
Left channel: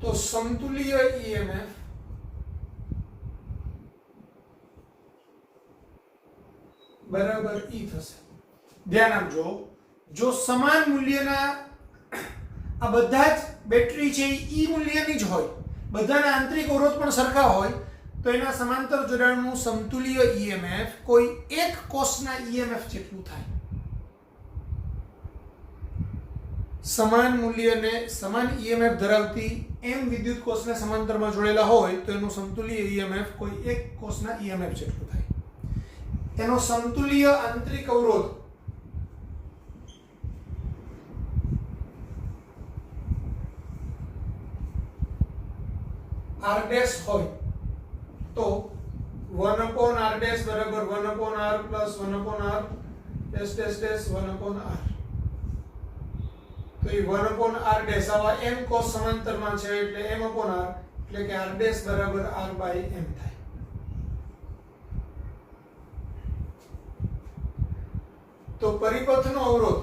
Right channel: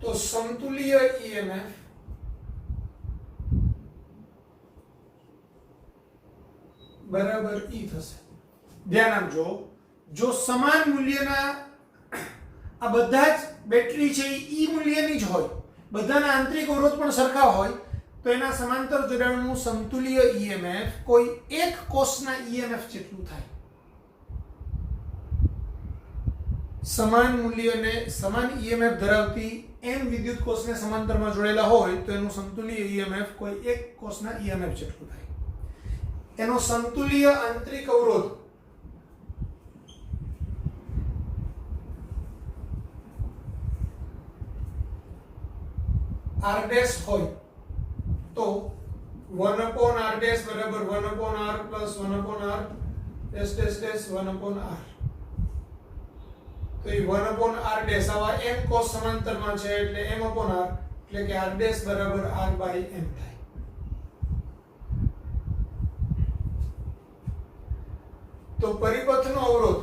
તો સમતુલ્ય EMF બરાબર E થશે. ધ્યાન આપજો, જો સમાન મૂલ્યના આ બધા જ બેટરી છે એ E મૂલ્યની જ હોય, બધાના આંતરિક અવરોધ પણ સરખા હોય, તો એના સમાંતર જોડાણનું સમતુલ્ય EMF કોઈ એક કોષના EMF જેટલું થાય. સમાન મૂલ્યને સમાન EMF ધરાવતી m વિદ્યુત કોષને સમાંતરમાં જોડેલા હોય તો એનું સમતુલ્ય EMF કોઈ એક કોષના EMF જેટલું થાય. એનો સમતુલ્ય આંતરિક અવરોધ r ડેશ હોય તો 1 upon r ડેશ બરાબર 1 upon r plus 1 upon r dash dash dash 1 upon r. તો એ 1 upon r ડેશ આવા m cos સમાંતરમાં છે એટલે m upon r એટલે કે r ડેશ બરાબર r by m થાય. તો પરિપથનો અવરોધ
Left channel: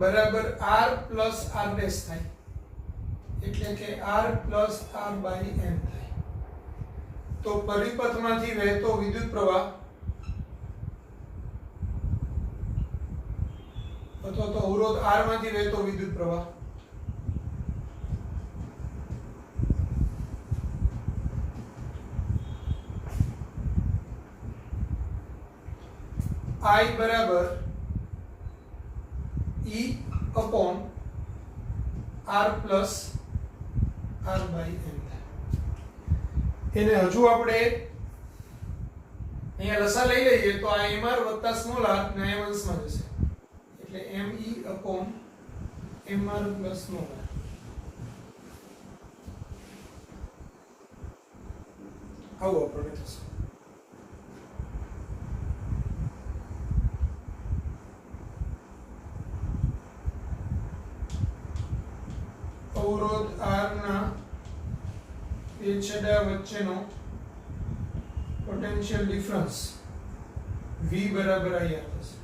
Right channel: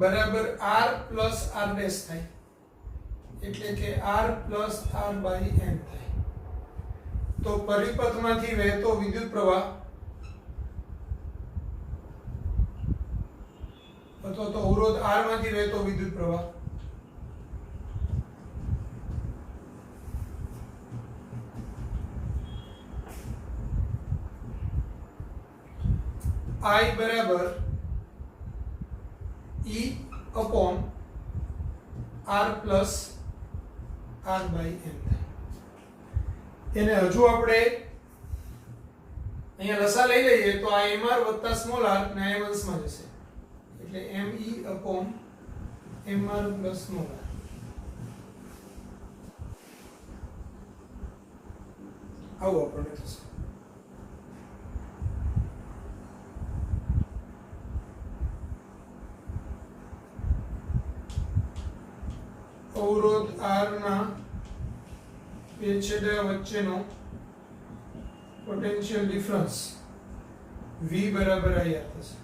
બરાબર r plus r ડેશ થાય એટલે કે r plus r by m થાય. તો પરિપથમાંથી વહેતો વિદ્યુત પ્રવાહ અથવા તો અવરોધ r માંથી વહેતો વિદ્યુત પ્રવાહ I બરાબર E upon R plus R by M. એને હજુ આપણે અહીંયા લસા લઈ લઈએ તો આ mr વત્તા સ્મોલ r ને m અંશમાં જશે એટલે me upon mr plus small r. આવું આપણને થશે. અવરોધ R ના બે છેડા વચ્ચેનો પોટેન્શિયલ ડિફરન્સ V બરાબર IR થશે.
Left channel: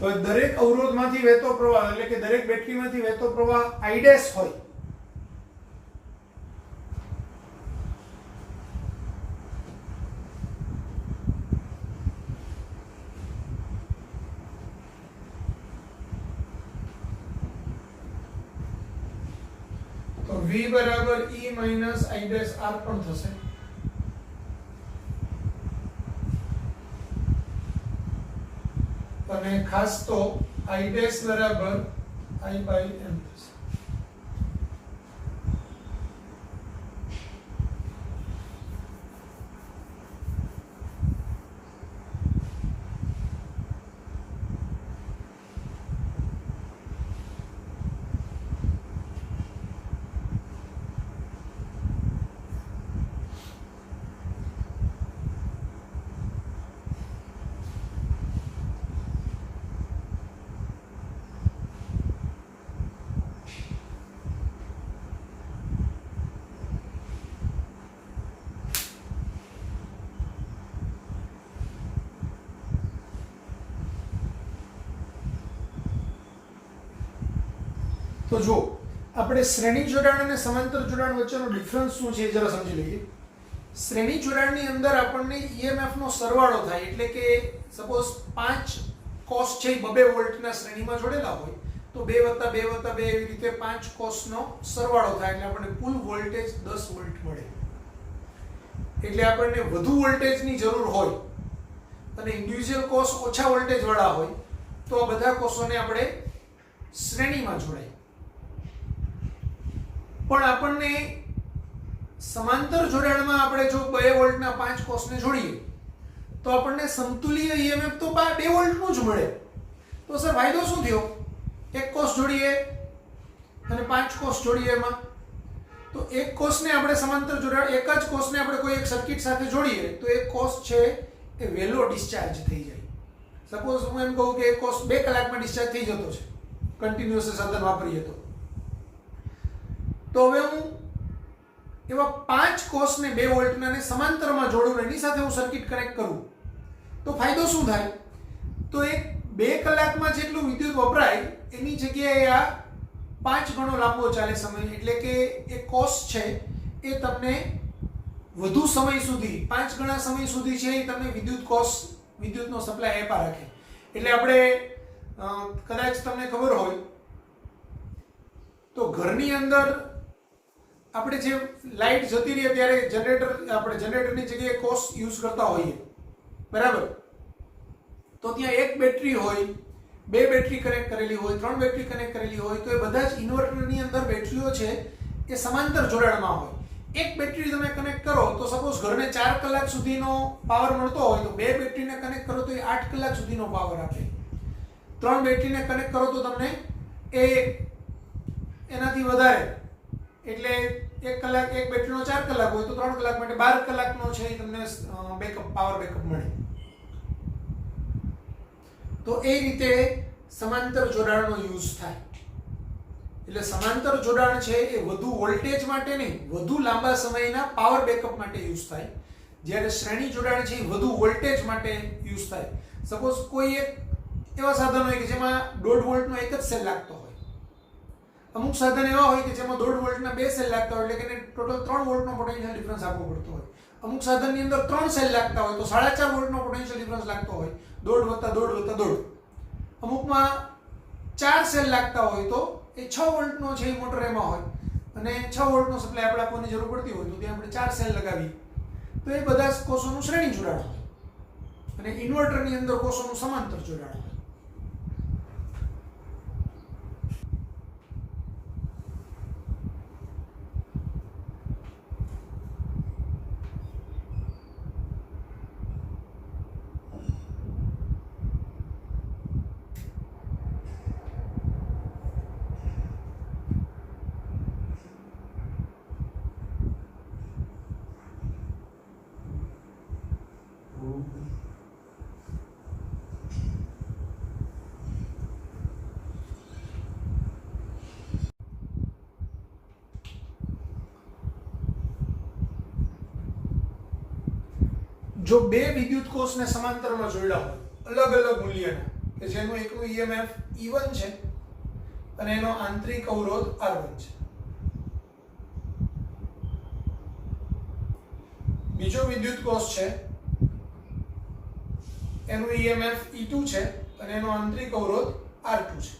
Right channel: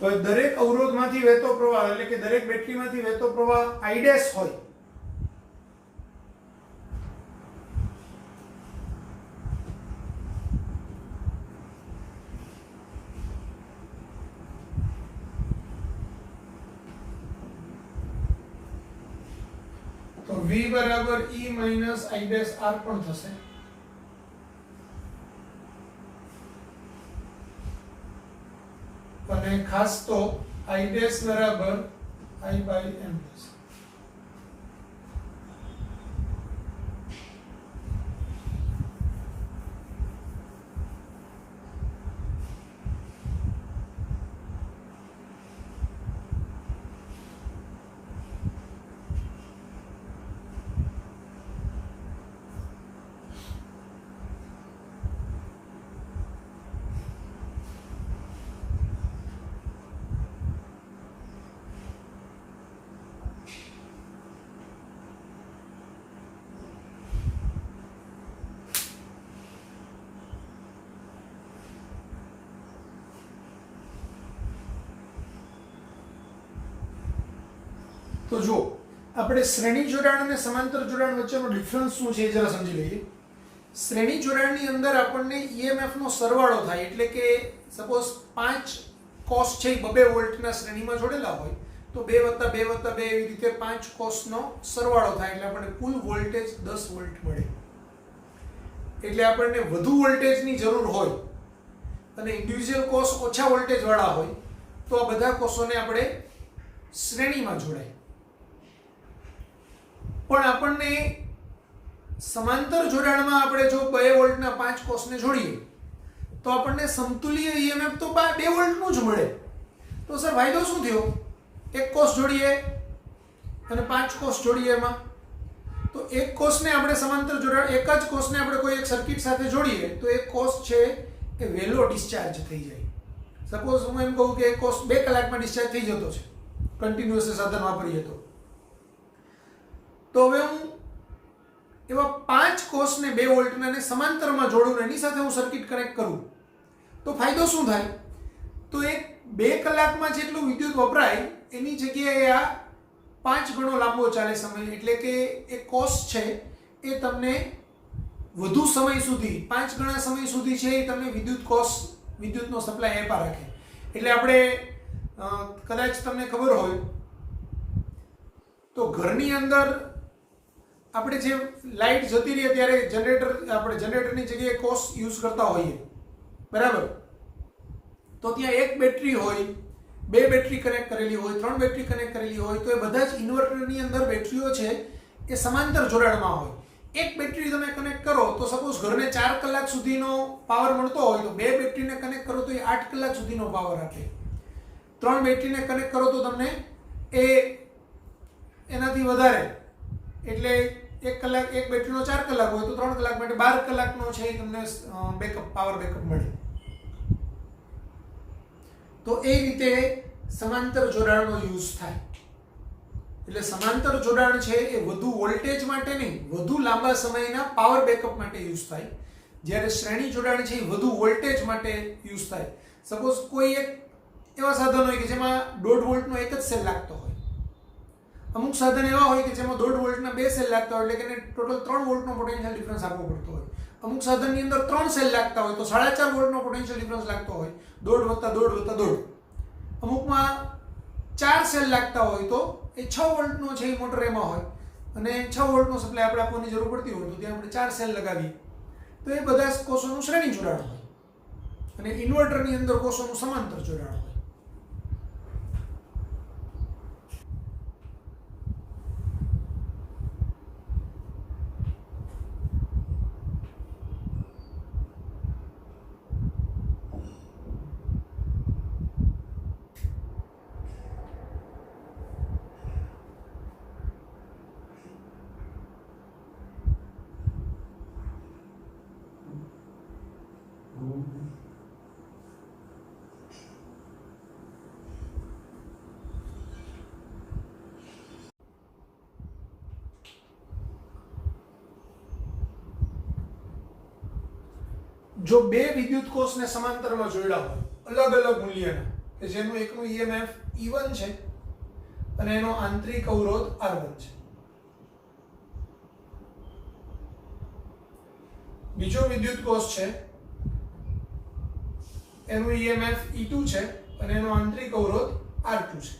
તો દરેક અવરોધમાંથી વહેતો પ્રવાહ એટલે કે દરેક બેટરીમાંથી વહેતો પ્રવાહ I ડેશ હોય તો V બરાબર E minus I dash R પણ થશે. અને ખાસ તો I dash બરાબર I by M થશે. તો જો આપણે શ્રેણી જોડાણ અને સમાંતર જોડાણ વચ્ચેનો ડિફરન્સ શું છે એ જરા સમજી લઈએ. શ્રેણી જોડાણની અંદર આપણને EMF નો સરવાળો થાય એટલે કે સપોઝ 5 કોસ છે 2 વોલ્ટના શ્રેણીમાં જોડેલા હોય તો 2 + 2 + 2 એવી રીતે 5 કોસનો સરવાળો થાય એટલે આપણને કુલ વોલ્ટેજ 10 વોલ્ટ મળે. એટલે આપણને વધુ વોલ્ટેજની જરૂર હોય અને ઇન્ડિવિડ્યુઅલ કોસ ઓછા વોલ્ટેજ વાળા હોય તો આ બધા કોષોને આપણે શ્રેણીમાં જોડાય. પણ આપણને સમાંતર જોડાણમાં આપણે જો 2 વોલ્ટના 5 કોષને જોડીએ તો આપણને સમતુલ્ય EMF તો 2 વોલ્ટનું જ મળે. તો સર ફાયદો શું થયો? એક કોષ જોડીએ અને 5 કોષ જોડીએ એમાં તો એક કોષને આપણે સમાંતર જોડાણ એક જ કોષને આપણે કોઈ એક સર્કિટ સાથે જોડીએ તો એક કોષ છે એ વહેલો ડિસ્ચાર્જ થઈ જાય. સપોઝ હું એમ કહું કે એક કોષ 2 કલાકમાં ડિસ્ચાર્જ થઈ જતો છે કન્ટિન્યુઅસ સાધન વાપરીએ તો હવે હું એવા 5 કોષને 2 વોલ્ટના સમાંતરમાં જોડું એની સાથે હું સર્કિટ કનેક્ટ કરું તો ફાયદો શું થાય? તો એક 2 કલાકમાં જેટલું વિદ્યુત વપરાય એની જગ્યાએ આ 5 ગણો લાંબો ચાલે સમય એટલે કે એક કોષ છે એ તમને વધુ સમય સુધી 5 ગણા સમય સુધી છે એ તમને વિદ્યુતનો સપ્લાય આપ્યા રાખે. એટલે આપણે કદાચ તમને ખબર હોય તો ઘરની અંદર આપણે જે લાઈટ જતી રહે ત્યારે આપણે જનરેટરની જગ્યાએ કોષ યુઝ કરતા હોઈએ બરાબર. તો ત્યાં એક બેટરી હોય 2 બેટરી કનેક્ટ કરેલી હોય 3 બેટરી કનેક્ટ કરેલી હોય તો એ બધા જ ઇન્વર્ટરની અંદર બેટરીઓ છે એ સમાંતર જોડાણમાં હોય. એક બેટરી તમે કનેક્ટ કરો તો સપોઝ ઘરને 4 કલાક સુધીનો પાવર મળતો હોય તો બે બેટરીને કનેક્ટ કરો તો એ 8 કલાક સુધીનો પાવર આપે. 3 બેટરીને કનેક્ટ કરો તો તમને એ એનાથી વધારે, એટલે 1 કલાક એક બેટરીનો 4 કલાક હોય તો 3 કલાક માટે 12 કલાકનો છે એ તમને પાવર બેકઅપ મળે. તો એ રીતે સમાંતર જોડાણનો યુઝ થાય. એટલે સમાંતર જોડાણ છે એ વધુ વોલ્ટેજ માટે નહીં, વધુ લાંબા સમયના પાવર બેકઅપ માટે યુઝ થાય. જ્યારે શ્રેણી જોડાણ છે એ વધુ વોલ્ટેજ માટે યુઝ થાય. સપોઝ કોઈ એક એવા સાધન હોય કે જેમાં 1.5 વોલ્ટનો એક જ સેલ લાગતો હોય, અમુક સાધન એવા હોય કે જેમાં 1.5 વોલ્ટના 2 સેલ લાગતા હોય, એટલે કે ટોટલ 3 વોલ્ટનો પોટેન્શિયલ ડિફરન્સ આપવો પડતો હોય. અમુક સાધનની અંદર 3 સેલ લાગતા હોય તો 4.5 વોલ્ટનો પોટેન્શિયલ ડિફરન્સ લાગતો હોય, 1.5 + 1.5 + 1.5. અમુકમાં 4 સેલ લાગતા હોય તો એ 6 વોલ્ટનો છે એ મોટર એમાં હોય અને 6 વોલ્ટનો સપ્લાય આપણે આપવાની જરૂર પડતી હોય તો ત્યાં આપણે 4 સેલ લગાવીએ. તો એ બધા કોષોનું શ્રેણી જોડાણ હોય અને ઇન્વર્ટરની અંદર કોષોનું સમાંતર જોડાણ હોય. જો બે વિદ્યુત કોષને સમાંતરમાં જોડ્યા હોય અલગ અલગ મૂલ્યના, કે જેનું એકનું EMF E1 છે અને એનો આંતરિક અવરોધ R1 છે, બીજો વિદ્યુત કોષ છે એનું EMF E2 છે અને એનો આંતરિક અવરોધ R2 છે.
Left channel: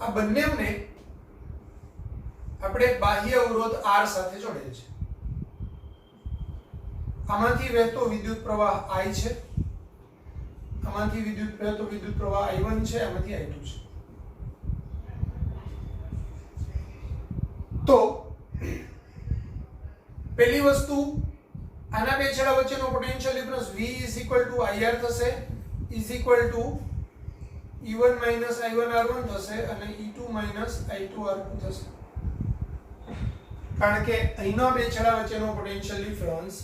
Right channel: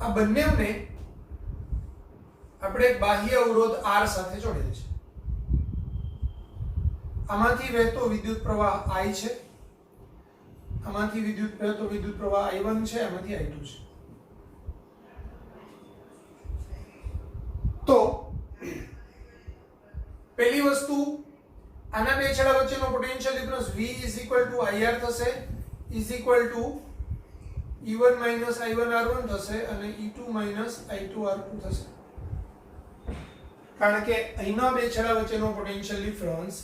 આ બંનેને આપણે બાહ્ય અવરોધ R સાથે જોડેલ છે. આમાંથી વહેતો વિદ્યુત પ્રવાહ I છે, આમાંથી વહેતો વિદ્યુત પ્રવાહ I1 છે, આમાંથી I2 છે. તો પહેલી વસ્તુ, આના બે છેડા વચ્ચેનો પોટેન્શિયલ ડિફરન્સ V IR થશે, E1 - I1 R1 થશે અને E2 - I2 R2 થશે. કારણ કે અહીંના બે છેડા વચ્ચેનો પોટેન્શિયલ ડિફરન્સ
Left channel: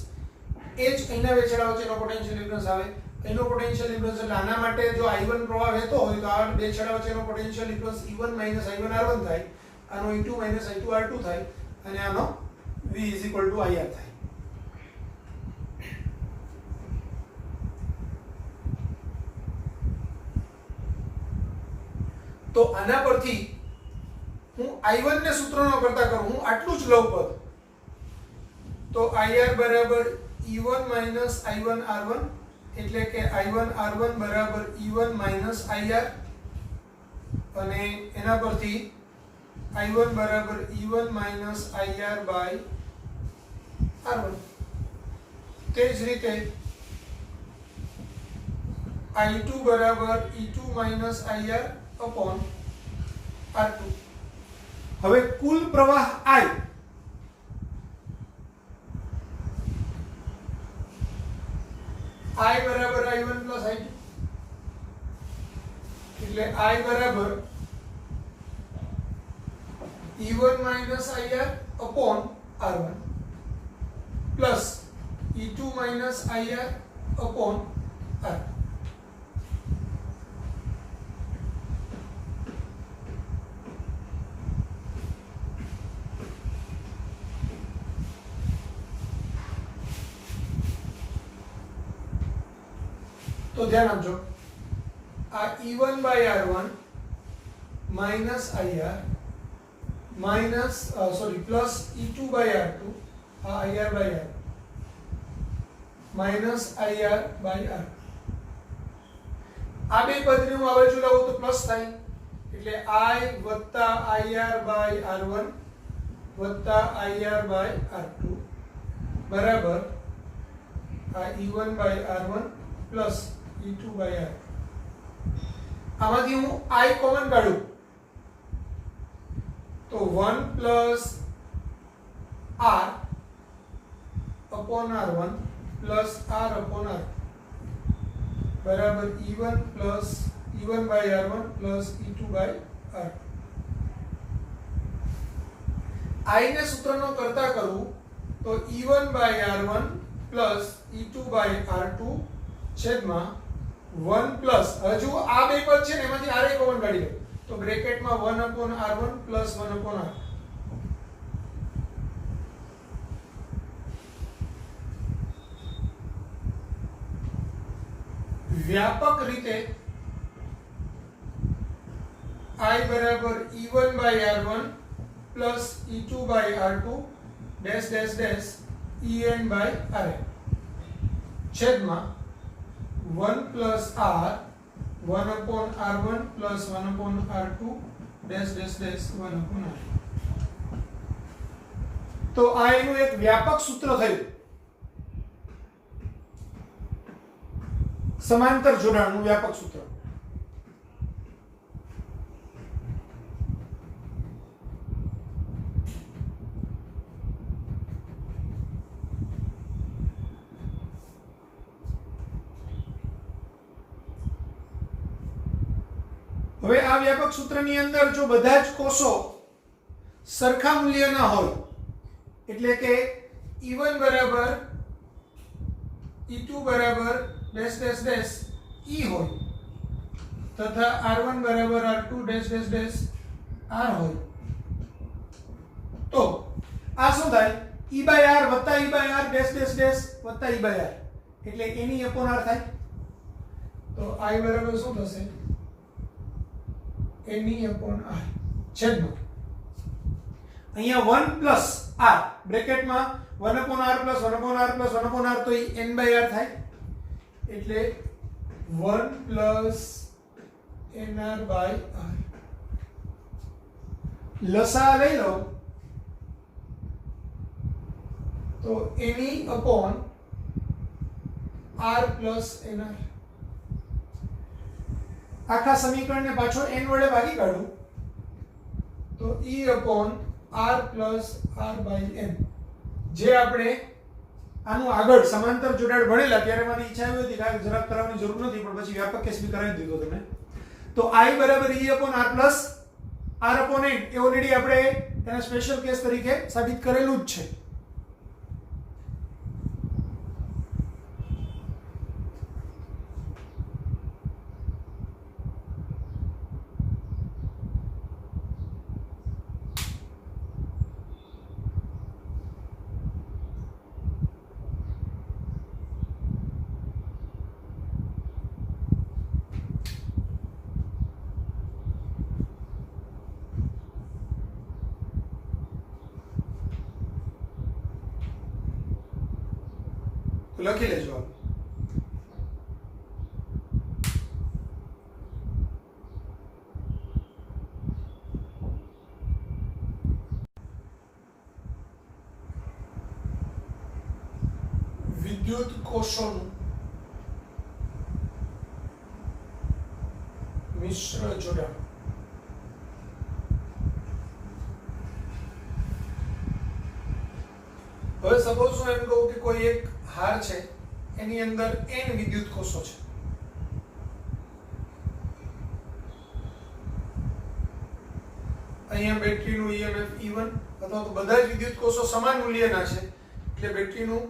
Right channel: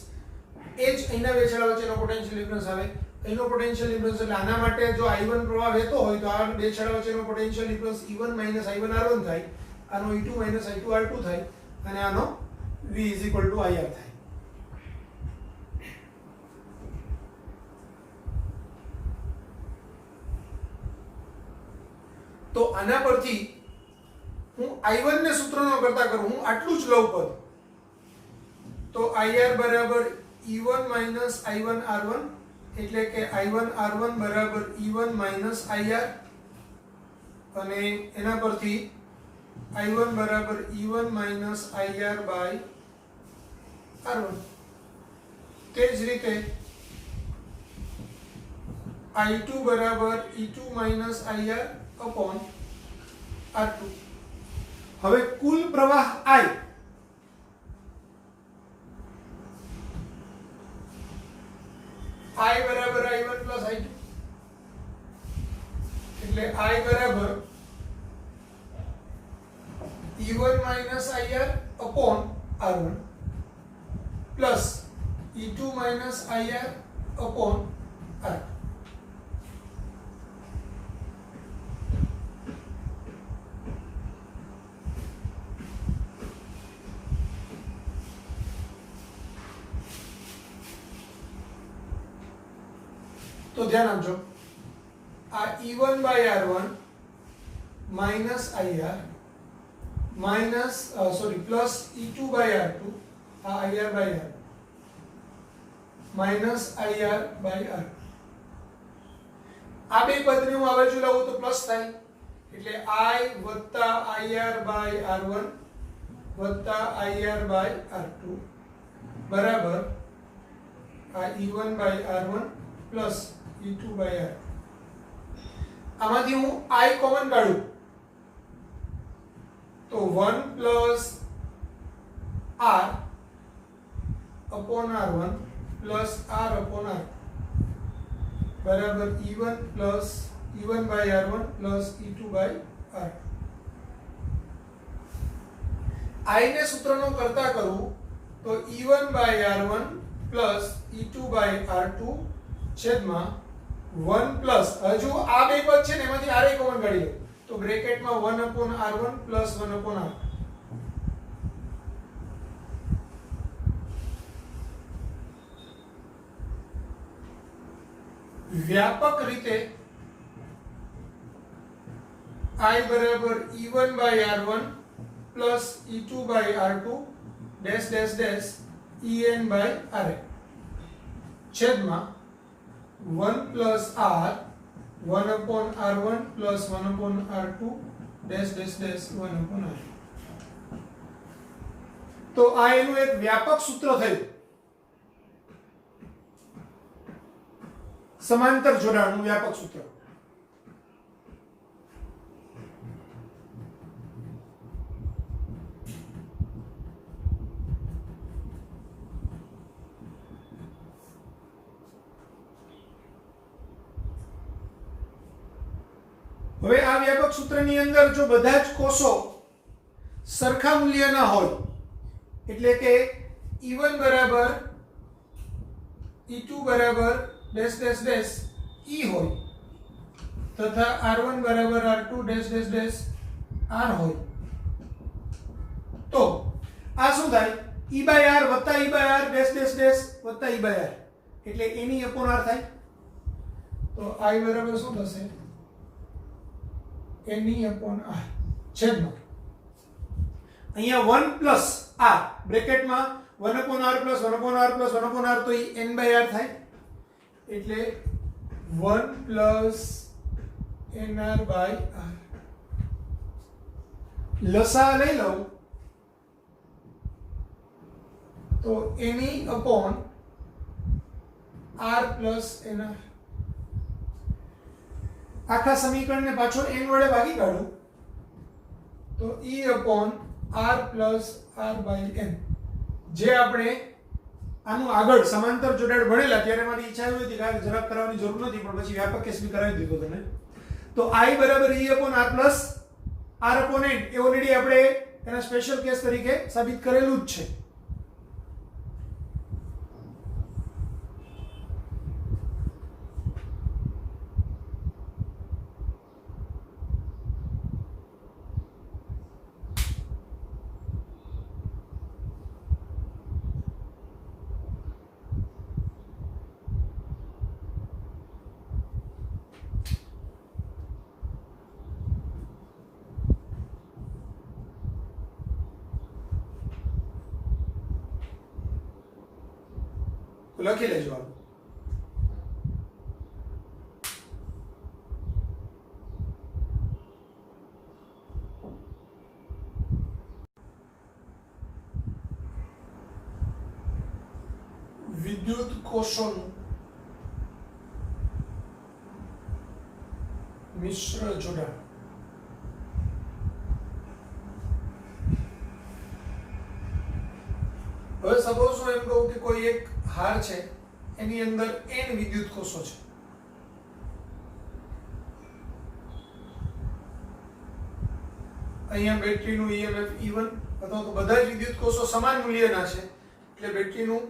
એ જ અહીંના બે છેડા વચ્ચેનો પોટેન્શિયલ ડિફરન્સ આવે. અહીંનો પોટેન્શિયલ ડિફરન્સ એટલે આના માટે જો I1 પ્રવાહ વહેતો હોય તો આ બે છેડા વચ્ચેનો potential difference E1 - I1 R1 થાય, આનો E2 - I2 R2 થાય અને આનો V IR થાય. તો આના પરથી હું I1 ને સૂત્રનો કરતા કરું, હું આટલું જ લઉં પદ, તો IR બરાબર E1 - I1 R1, એટલે કે I1 R1 બરાબર E1 - IR, અને એના પરથી I1 બરાબર E1 - IR બાય R1. તે જ રીતે I2 બરાબર E2 - IR અપોન R2. હવે કુલ પ્રવાહ I બરાબર I1 + I2, એટલે I બરાબર E1 - IR upon R1 plus E2 - IR upon R2. તો ધ્યાન આપજો, આ E1 by R1 minus IR plus E2 by R2, આ IR by R minus IR by R. આ બે પદને હું આ બાજુ લાવું તો પ્લસ થાય, એટલે I વત્તા IR by R1 વત્તા IR by R2 બરાબર આ E1 by R1 plus E2 by R2. આમાંથી હું I કોમન કાઢું તો 1 plus R upon R1 plus R upon R બરાબર E1 plus E1 by R1 plus E2 by R2. I ને સૂત્રનો કરતા કરું તો E1 by R1 plus E2 by R2 છેદમાં 1 પ્લસ હજુ આ બે પદ છે ને એમાંથી R કોમન કાઢી લો તો બ્રેકેટમાં 1 upon R1 plus 1 upon R. વ્યાપક રીતે I બરાબર E1 by R1 plus E2 by R2 dash dash dash En by Rn છેદમાં 1 plus R 1 upon R1 plus 1 upon R2 dash dash dash 1 upon R. તો આ એનું એક વ્યાપક સૂત્ર થયું, સમાંતર જોડાણનું વ્યાપક સૂત્ર. હવે આ વ્યાપક સૂત્રની અંદર જો બધા જ કોષો સરખા મૂલ્યના હોય એટલે કે E1 બરાબર E2 બરાબર ડેશ ડેશ ડેશ E હોય તથા R1 બરાબર R2 dash dash dash R હોય તો આ શું થાય E બાય R વત્તા E by R dash dash dash વત્તા E બાય R એટલે એની અપોન R થાય. તો I બરાબર શું થશે એની અપોન R છેદમાં અહીંયા 1 plus R બ્રેકેટમાં 1 upon R plus 1 upon R plus 1 upon R તો એ n બાય R થાય એટલે 1 પ્લસ nr બાય R. લસા લઈ લઉં તો એની અપોન R પ્લસ nr. આખા સમીકરણને પાછો n વડે ભાગી કાઢું તો E upon R plus R by n. જે આપણે આનું આગળ સમાંતર જોડાણ ભણેલા ત્યારે મારી ઈચ્છા એવી હતી કે જરાક કરાવવાની જરૂર નથી પણ પછી વ્યાપક કેસ બી કરાવી દીધો તમે. તો I બરાબર E upon R plus R upon n એ ઓલરેડી આપણે એના સ્પેશિયલ કેસ તરીકે સાબિત કરેલું જ છે. તો લખી લેજો આપ. વિદ્યુત કોષોનું મિશ્ર જોડાણ. હવે સપોઝ હું એમ કહું કે કોઈ એક હાર છે એની અંદર n વિદ્યુત કોષો છે. અહીંયા બેટરીનું EMF E1 અથવા તો બધા જ વિદ્યુત કોષો સમાન મૂલ્યના છે એટલે બેટરીનું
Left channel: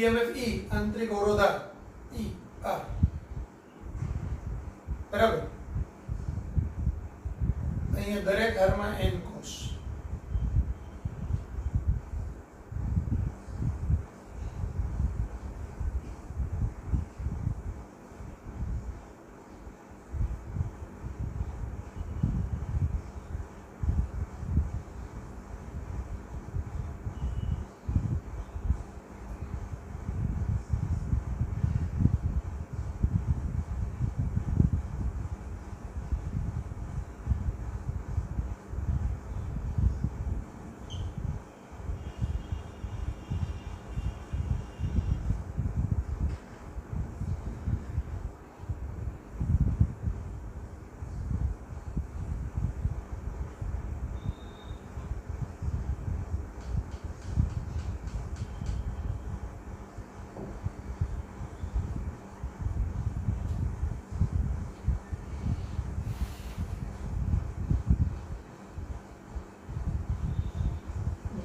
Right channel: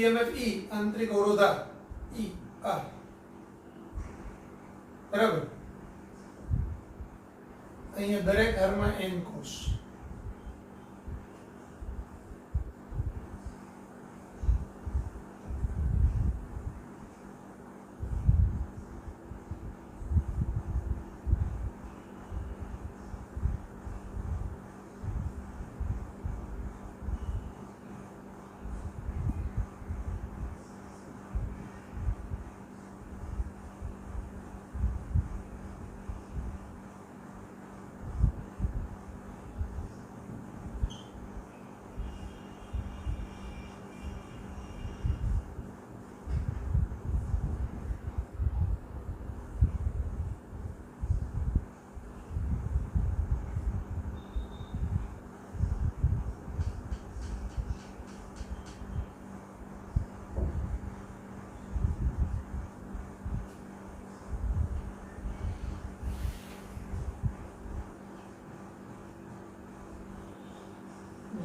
EMF E આંતરિક અવરોધાર E R બરાબર. અહીંયા દરેક હારમાં n કોષ.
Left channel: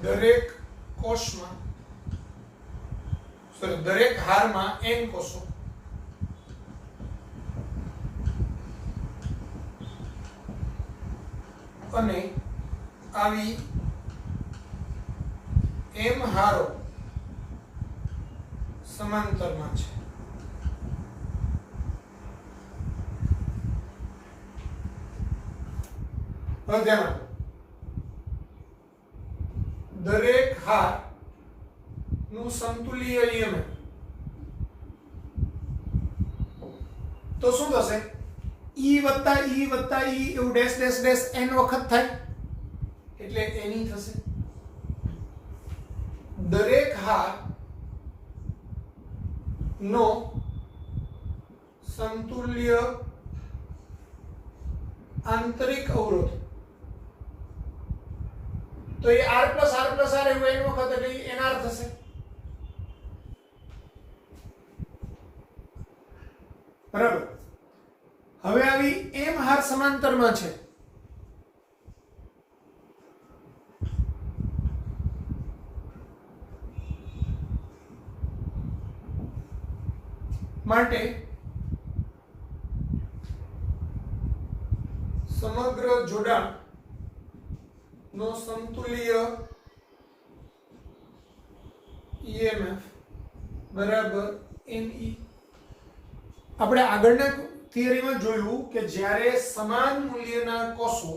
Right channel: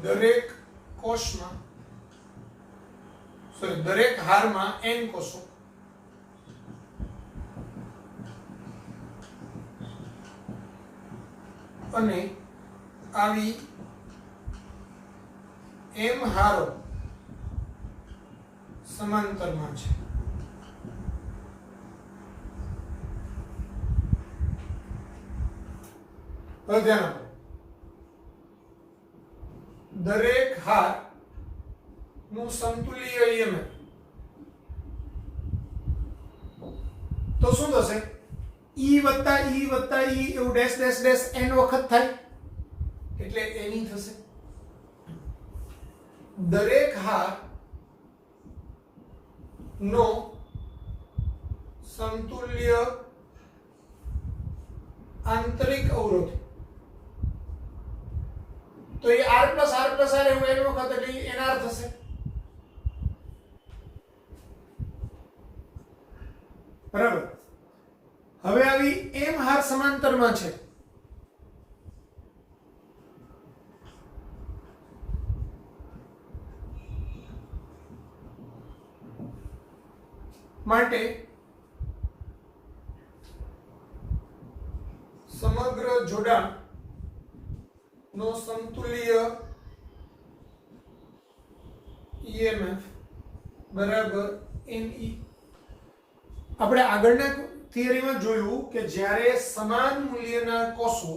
દરેક કોષમાં દરેક હારમાં n કોષો અને આવી m હારો સમાંતરમાં છે. હવે ધ્યાન આપો, દરેક હાર નું સમતુલ્ય EMF તો શું થશે? E વત્તા E વત્તા E એવું ડેશ ડેશ ડેશ n વખત થાય એટલે n થશે. દરેક હાર નો સમતુલ્ય આંતરિક અવરોધ તો એ r plus r plus r એવું n વખત એટલે nr થશે. બરાબર. હવે આવી m હાર સમાંતરમાં છે માટે સમગ્ર જોડાણ નો સમતુલ્ય EMF બરાબર NE. આપણે આગળના થિયરીમાં જોયું કે જ્યારે સમાન મૂલ્યના કોષો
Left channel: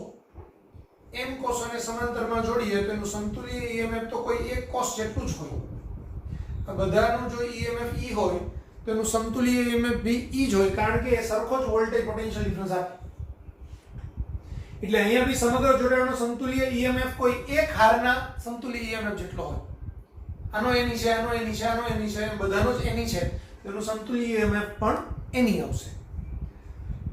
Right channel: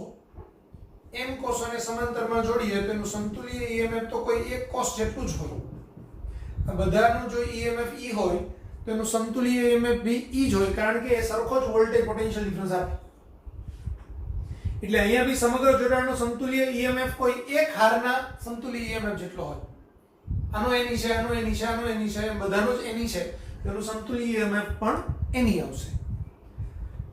m કોષોને સમાંતરમાં જોડીએ તો એનું સમતુલ્ય EMF તો કોઈ એક કોષ જેટલું જ હોય. આ બધાનું જો EMF E હોય તો એનું સમતુલ્ય EMF બી E જ હોય, કારણ કે એ સરખો જ વોલ્ટેજ પોટેન્શિયલ ડિફરન્સ આપે. એટલે અહીંયા બી સમગ્ર જોડાણનો સમતુલ્ય EMF કોઈ એક હારના સમતુલ્ય EMF જેટલો હોય. આનો એની છે, આનો એની છે, આનો એની છે, બધાનો જ એની છે, તેનું સમતુલ્ય EMF પણ એની આવશે.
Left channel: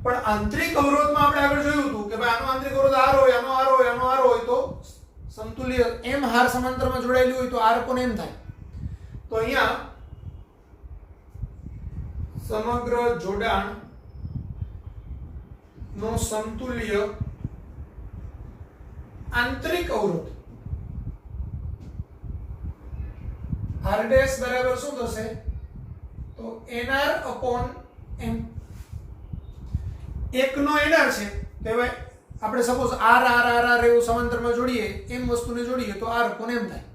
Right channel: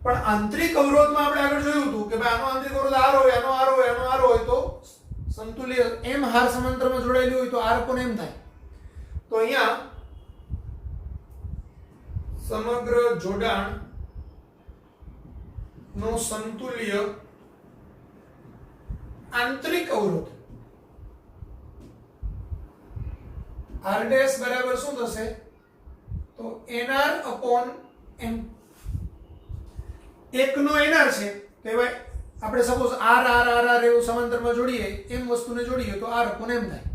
પણ આંતરિક અવરોધમાં આપણે આગળ જોયું હતું કે ભાઈ આનો આંતરિક અવરોધ R હોય, આનો R હોય, આનો R હોય તો સમતુલ્ય m હાર સમાંતરમાં જોડાયેલી હોય તો R પણ m થાય. તો અહીંયા સમગ્ર જોડાણ નો સમતુલ્ય આંતરિક અવરોધ r ડેશ બરાબર શું થશે? તો nr upon m. એકનો nr છે તો હવે આપણે suppose r r r r એવું સમાંતરમાં જોડીએ, m વસ્તુને જોડીએ તો r upon m થાય.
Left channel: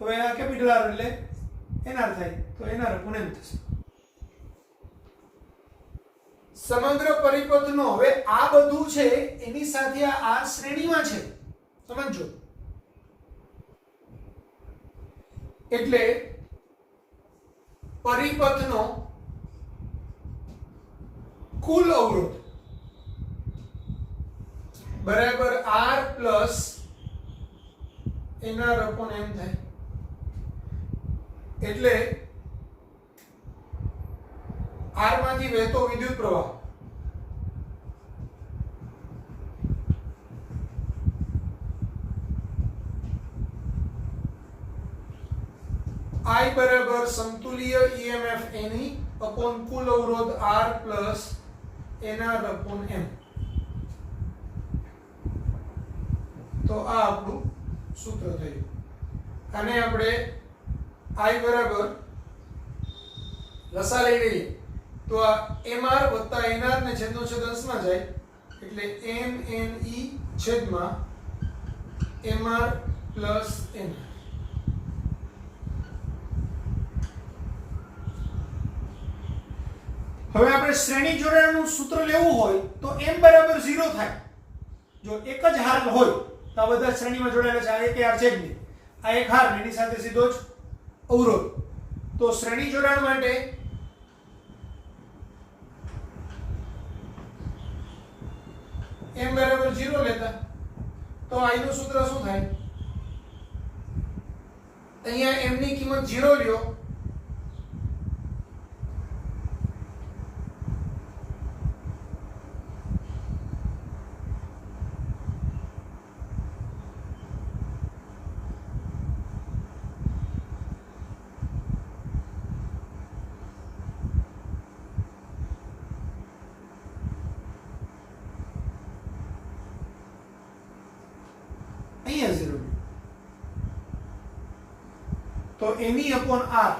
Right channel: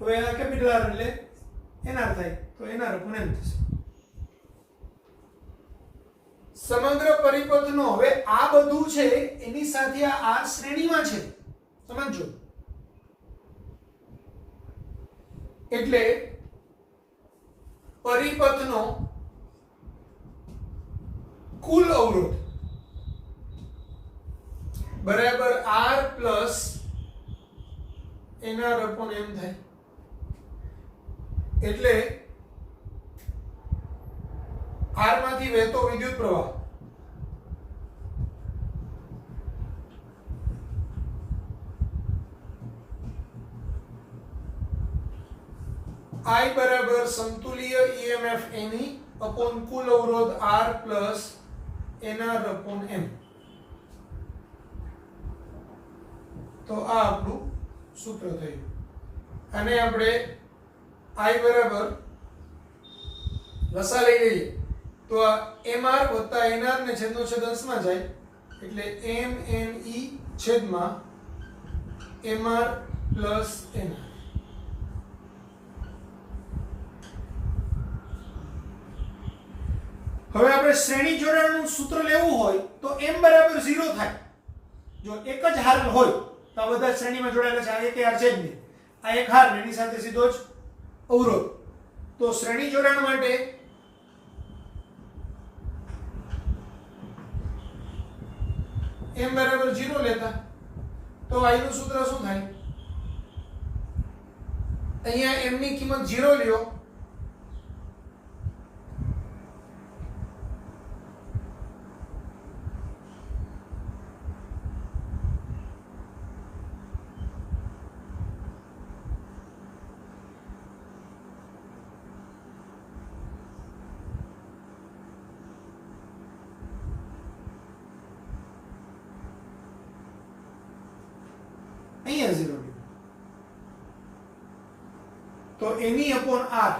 હવે આ કેપિટલ R એટલે nr થાય તો nr upon m થશે. સમગ્ર પરિપથનો હવે આ બધું છે એની સાથે આ r શ્રેણીમાં છે, સમજો. એટલે પરિપથનો કુલ અવરોધ બરાબર r plus nr upon m થાય. એટલે r માંથી વહેતો વિદ્યુત પ્રવાહ I બરાબર સમતુલ્ય EMF NE upon કુલ અવરોધ R plus nr upon m. તો આ આપણું સૂત્ર થયું. અને આપણે I બરાબર લસા લઈ લઈએ તો આ mr વત્તા nr ને છેદનો છેદ અંશમાં જાય એટલે mne છેદમાં mr plus nr. હવે આપણે શ્રેણી જોડાણનું સૂત્ર લેવું હોય તો m બરાબર 0 થાય. જો એક જ હાર હોય તો આ બધા શ્રેણીમાં જોડાયેલા છે, આ એક હાર છે જ નહીં, આ એક હાર એની સાથે સીધો જ અવરોધ. તો શ્રેણી જોડાણ માટે m બરાબર 0 લેતા તો i નું સૂત્ર શું થાય? અહીંયા m ની કિંમત 0 લ્યો અહીંયા 0 લ્યો Ne upon r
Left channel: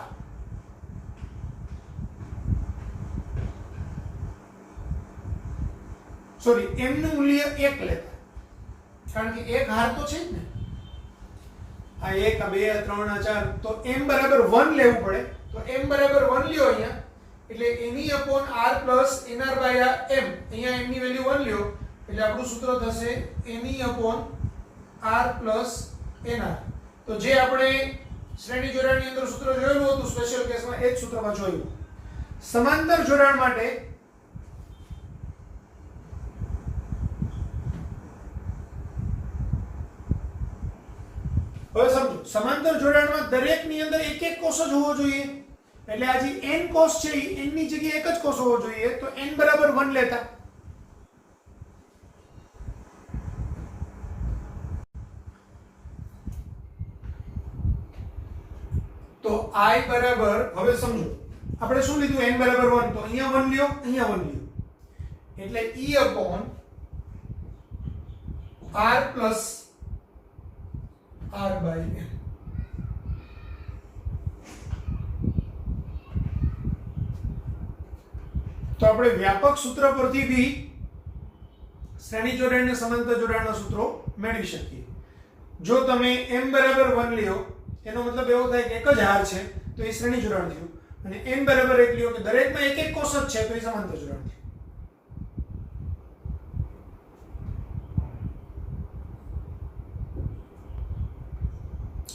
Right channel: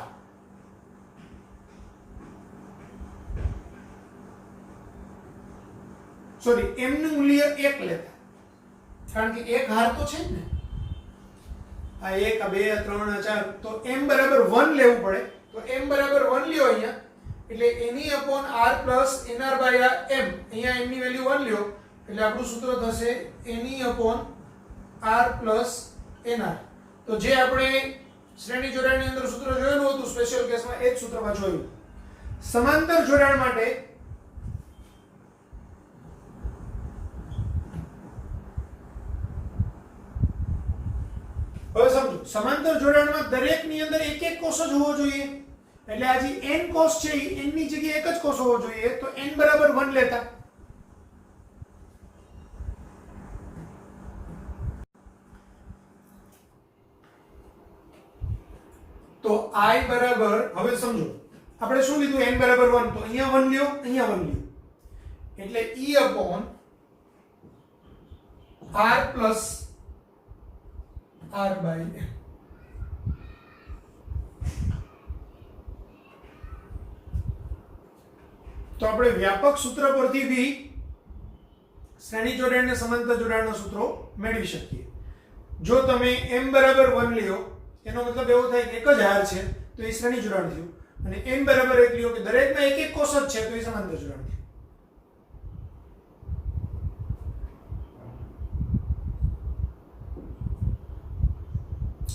sorry m નું મૂલ્ય 1 લેતા, કારણ કે એક હાર તો છે જ ને, આ 1 આ 2 આ 3 આ 4, તો m બરાબર 1 લેવું પડે. તો m બરાબર 1 લ્યો અહીંયા, એટલે Ne upon r plus nr by m, અહીંયા m ની વેલ્યુ 1 લ્યો એટલે આપણું સૂત્ર થશે Ne upon r plus nr. તો જે આપણે શ્રેણી જોડાણની અંદર સૂત્ર જોયેલું હતું સ્પેશિયલ કેસમાં, એ જ સૂત્રમાં જોયું. સમાંતર જોડાણ માટે હવે સમજો, સમાંતર જોડાણમાં દરેકની અંદર એક એક કોષ જ હોવો જોઈએ, એટલે આ જે n કોષ છે એ n ની જગ્યાએ એક જ કોષ હોવો જોઈએ. તો n બરાબર 1 લેતા, તો i બરાબર, હવે સમજો આપણે શું લીધું, n બરાબર 1, તો અહીંયા 1 લ્યો, અહીંયા 1 લ્યો, એટલે e upon r plus r by m. તો આપણે વ્યાપક સૂત્ર પરથી બી શ્રેણી જોડાણ ને સમાંતર જોડાણના સૂત્રો મેળવી શકીએ. જો તમે m બરાબર 1 લ્યો, એનો મતલબ એવો થાય કે એક જ હાર છે તો એ શ્રેણી જોડાણ થયું, અને n બરાબર 1 લ્યો કે દરેકમાં એક એક કોષ જ છે તો એ સમાંતર જોડાણ થયું.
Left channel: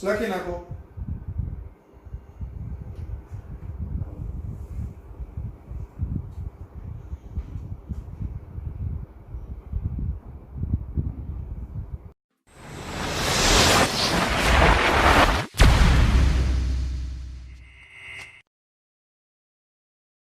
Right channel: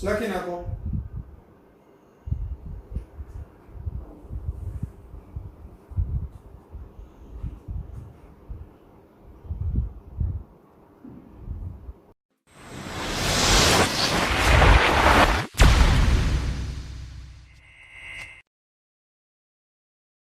લખી નાખો.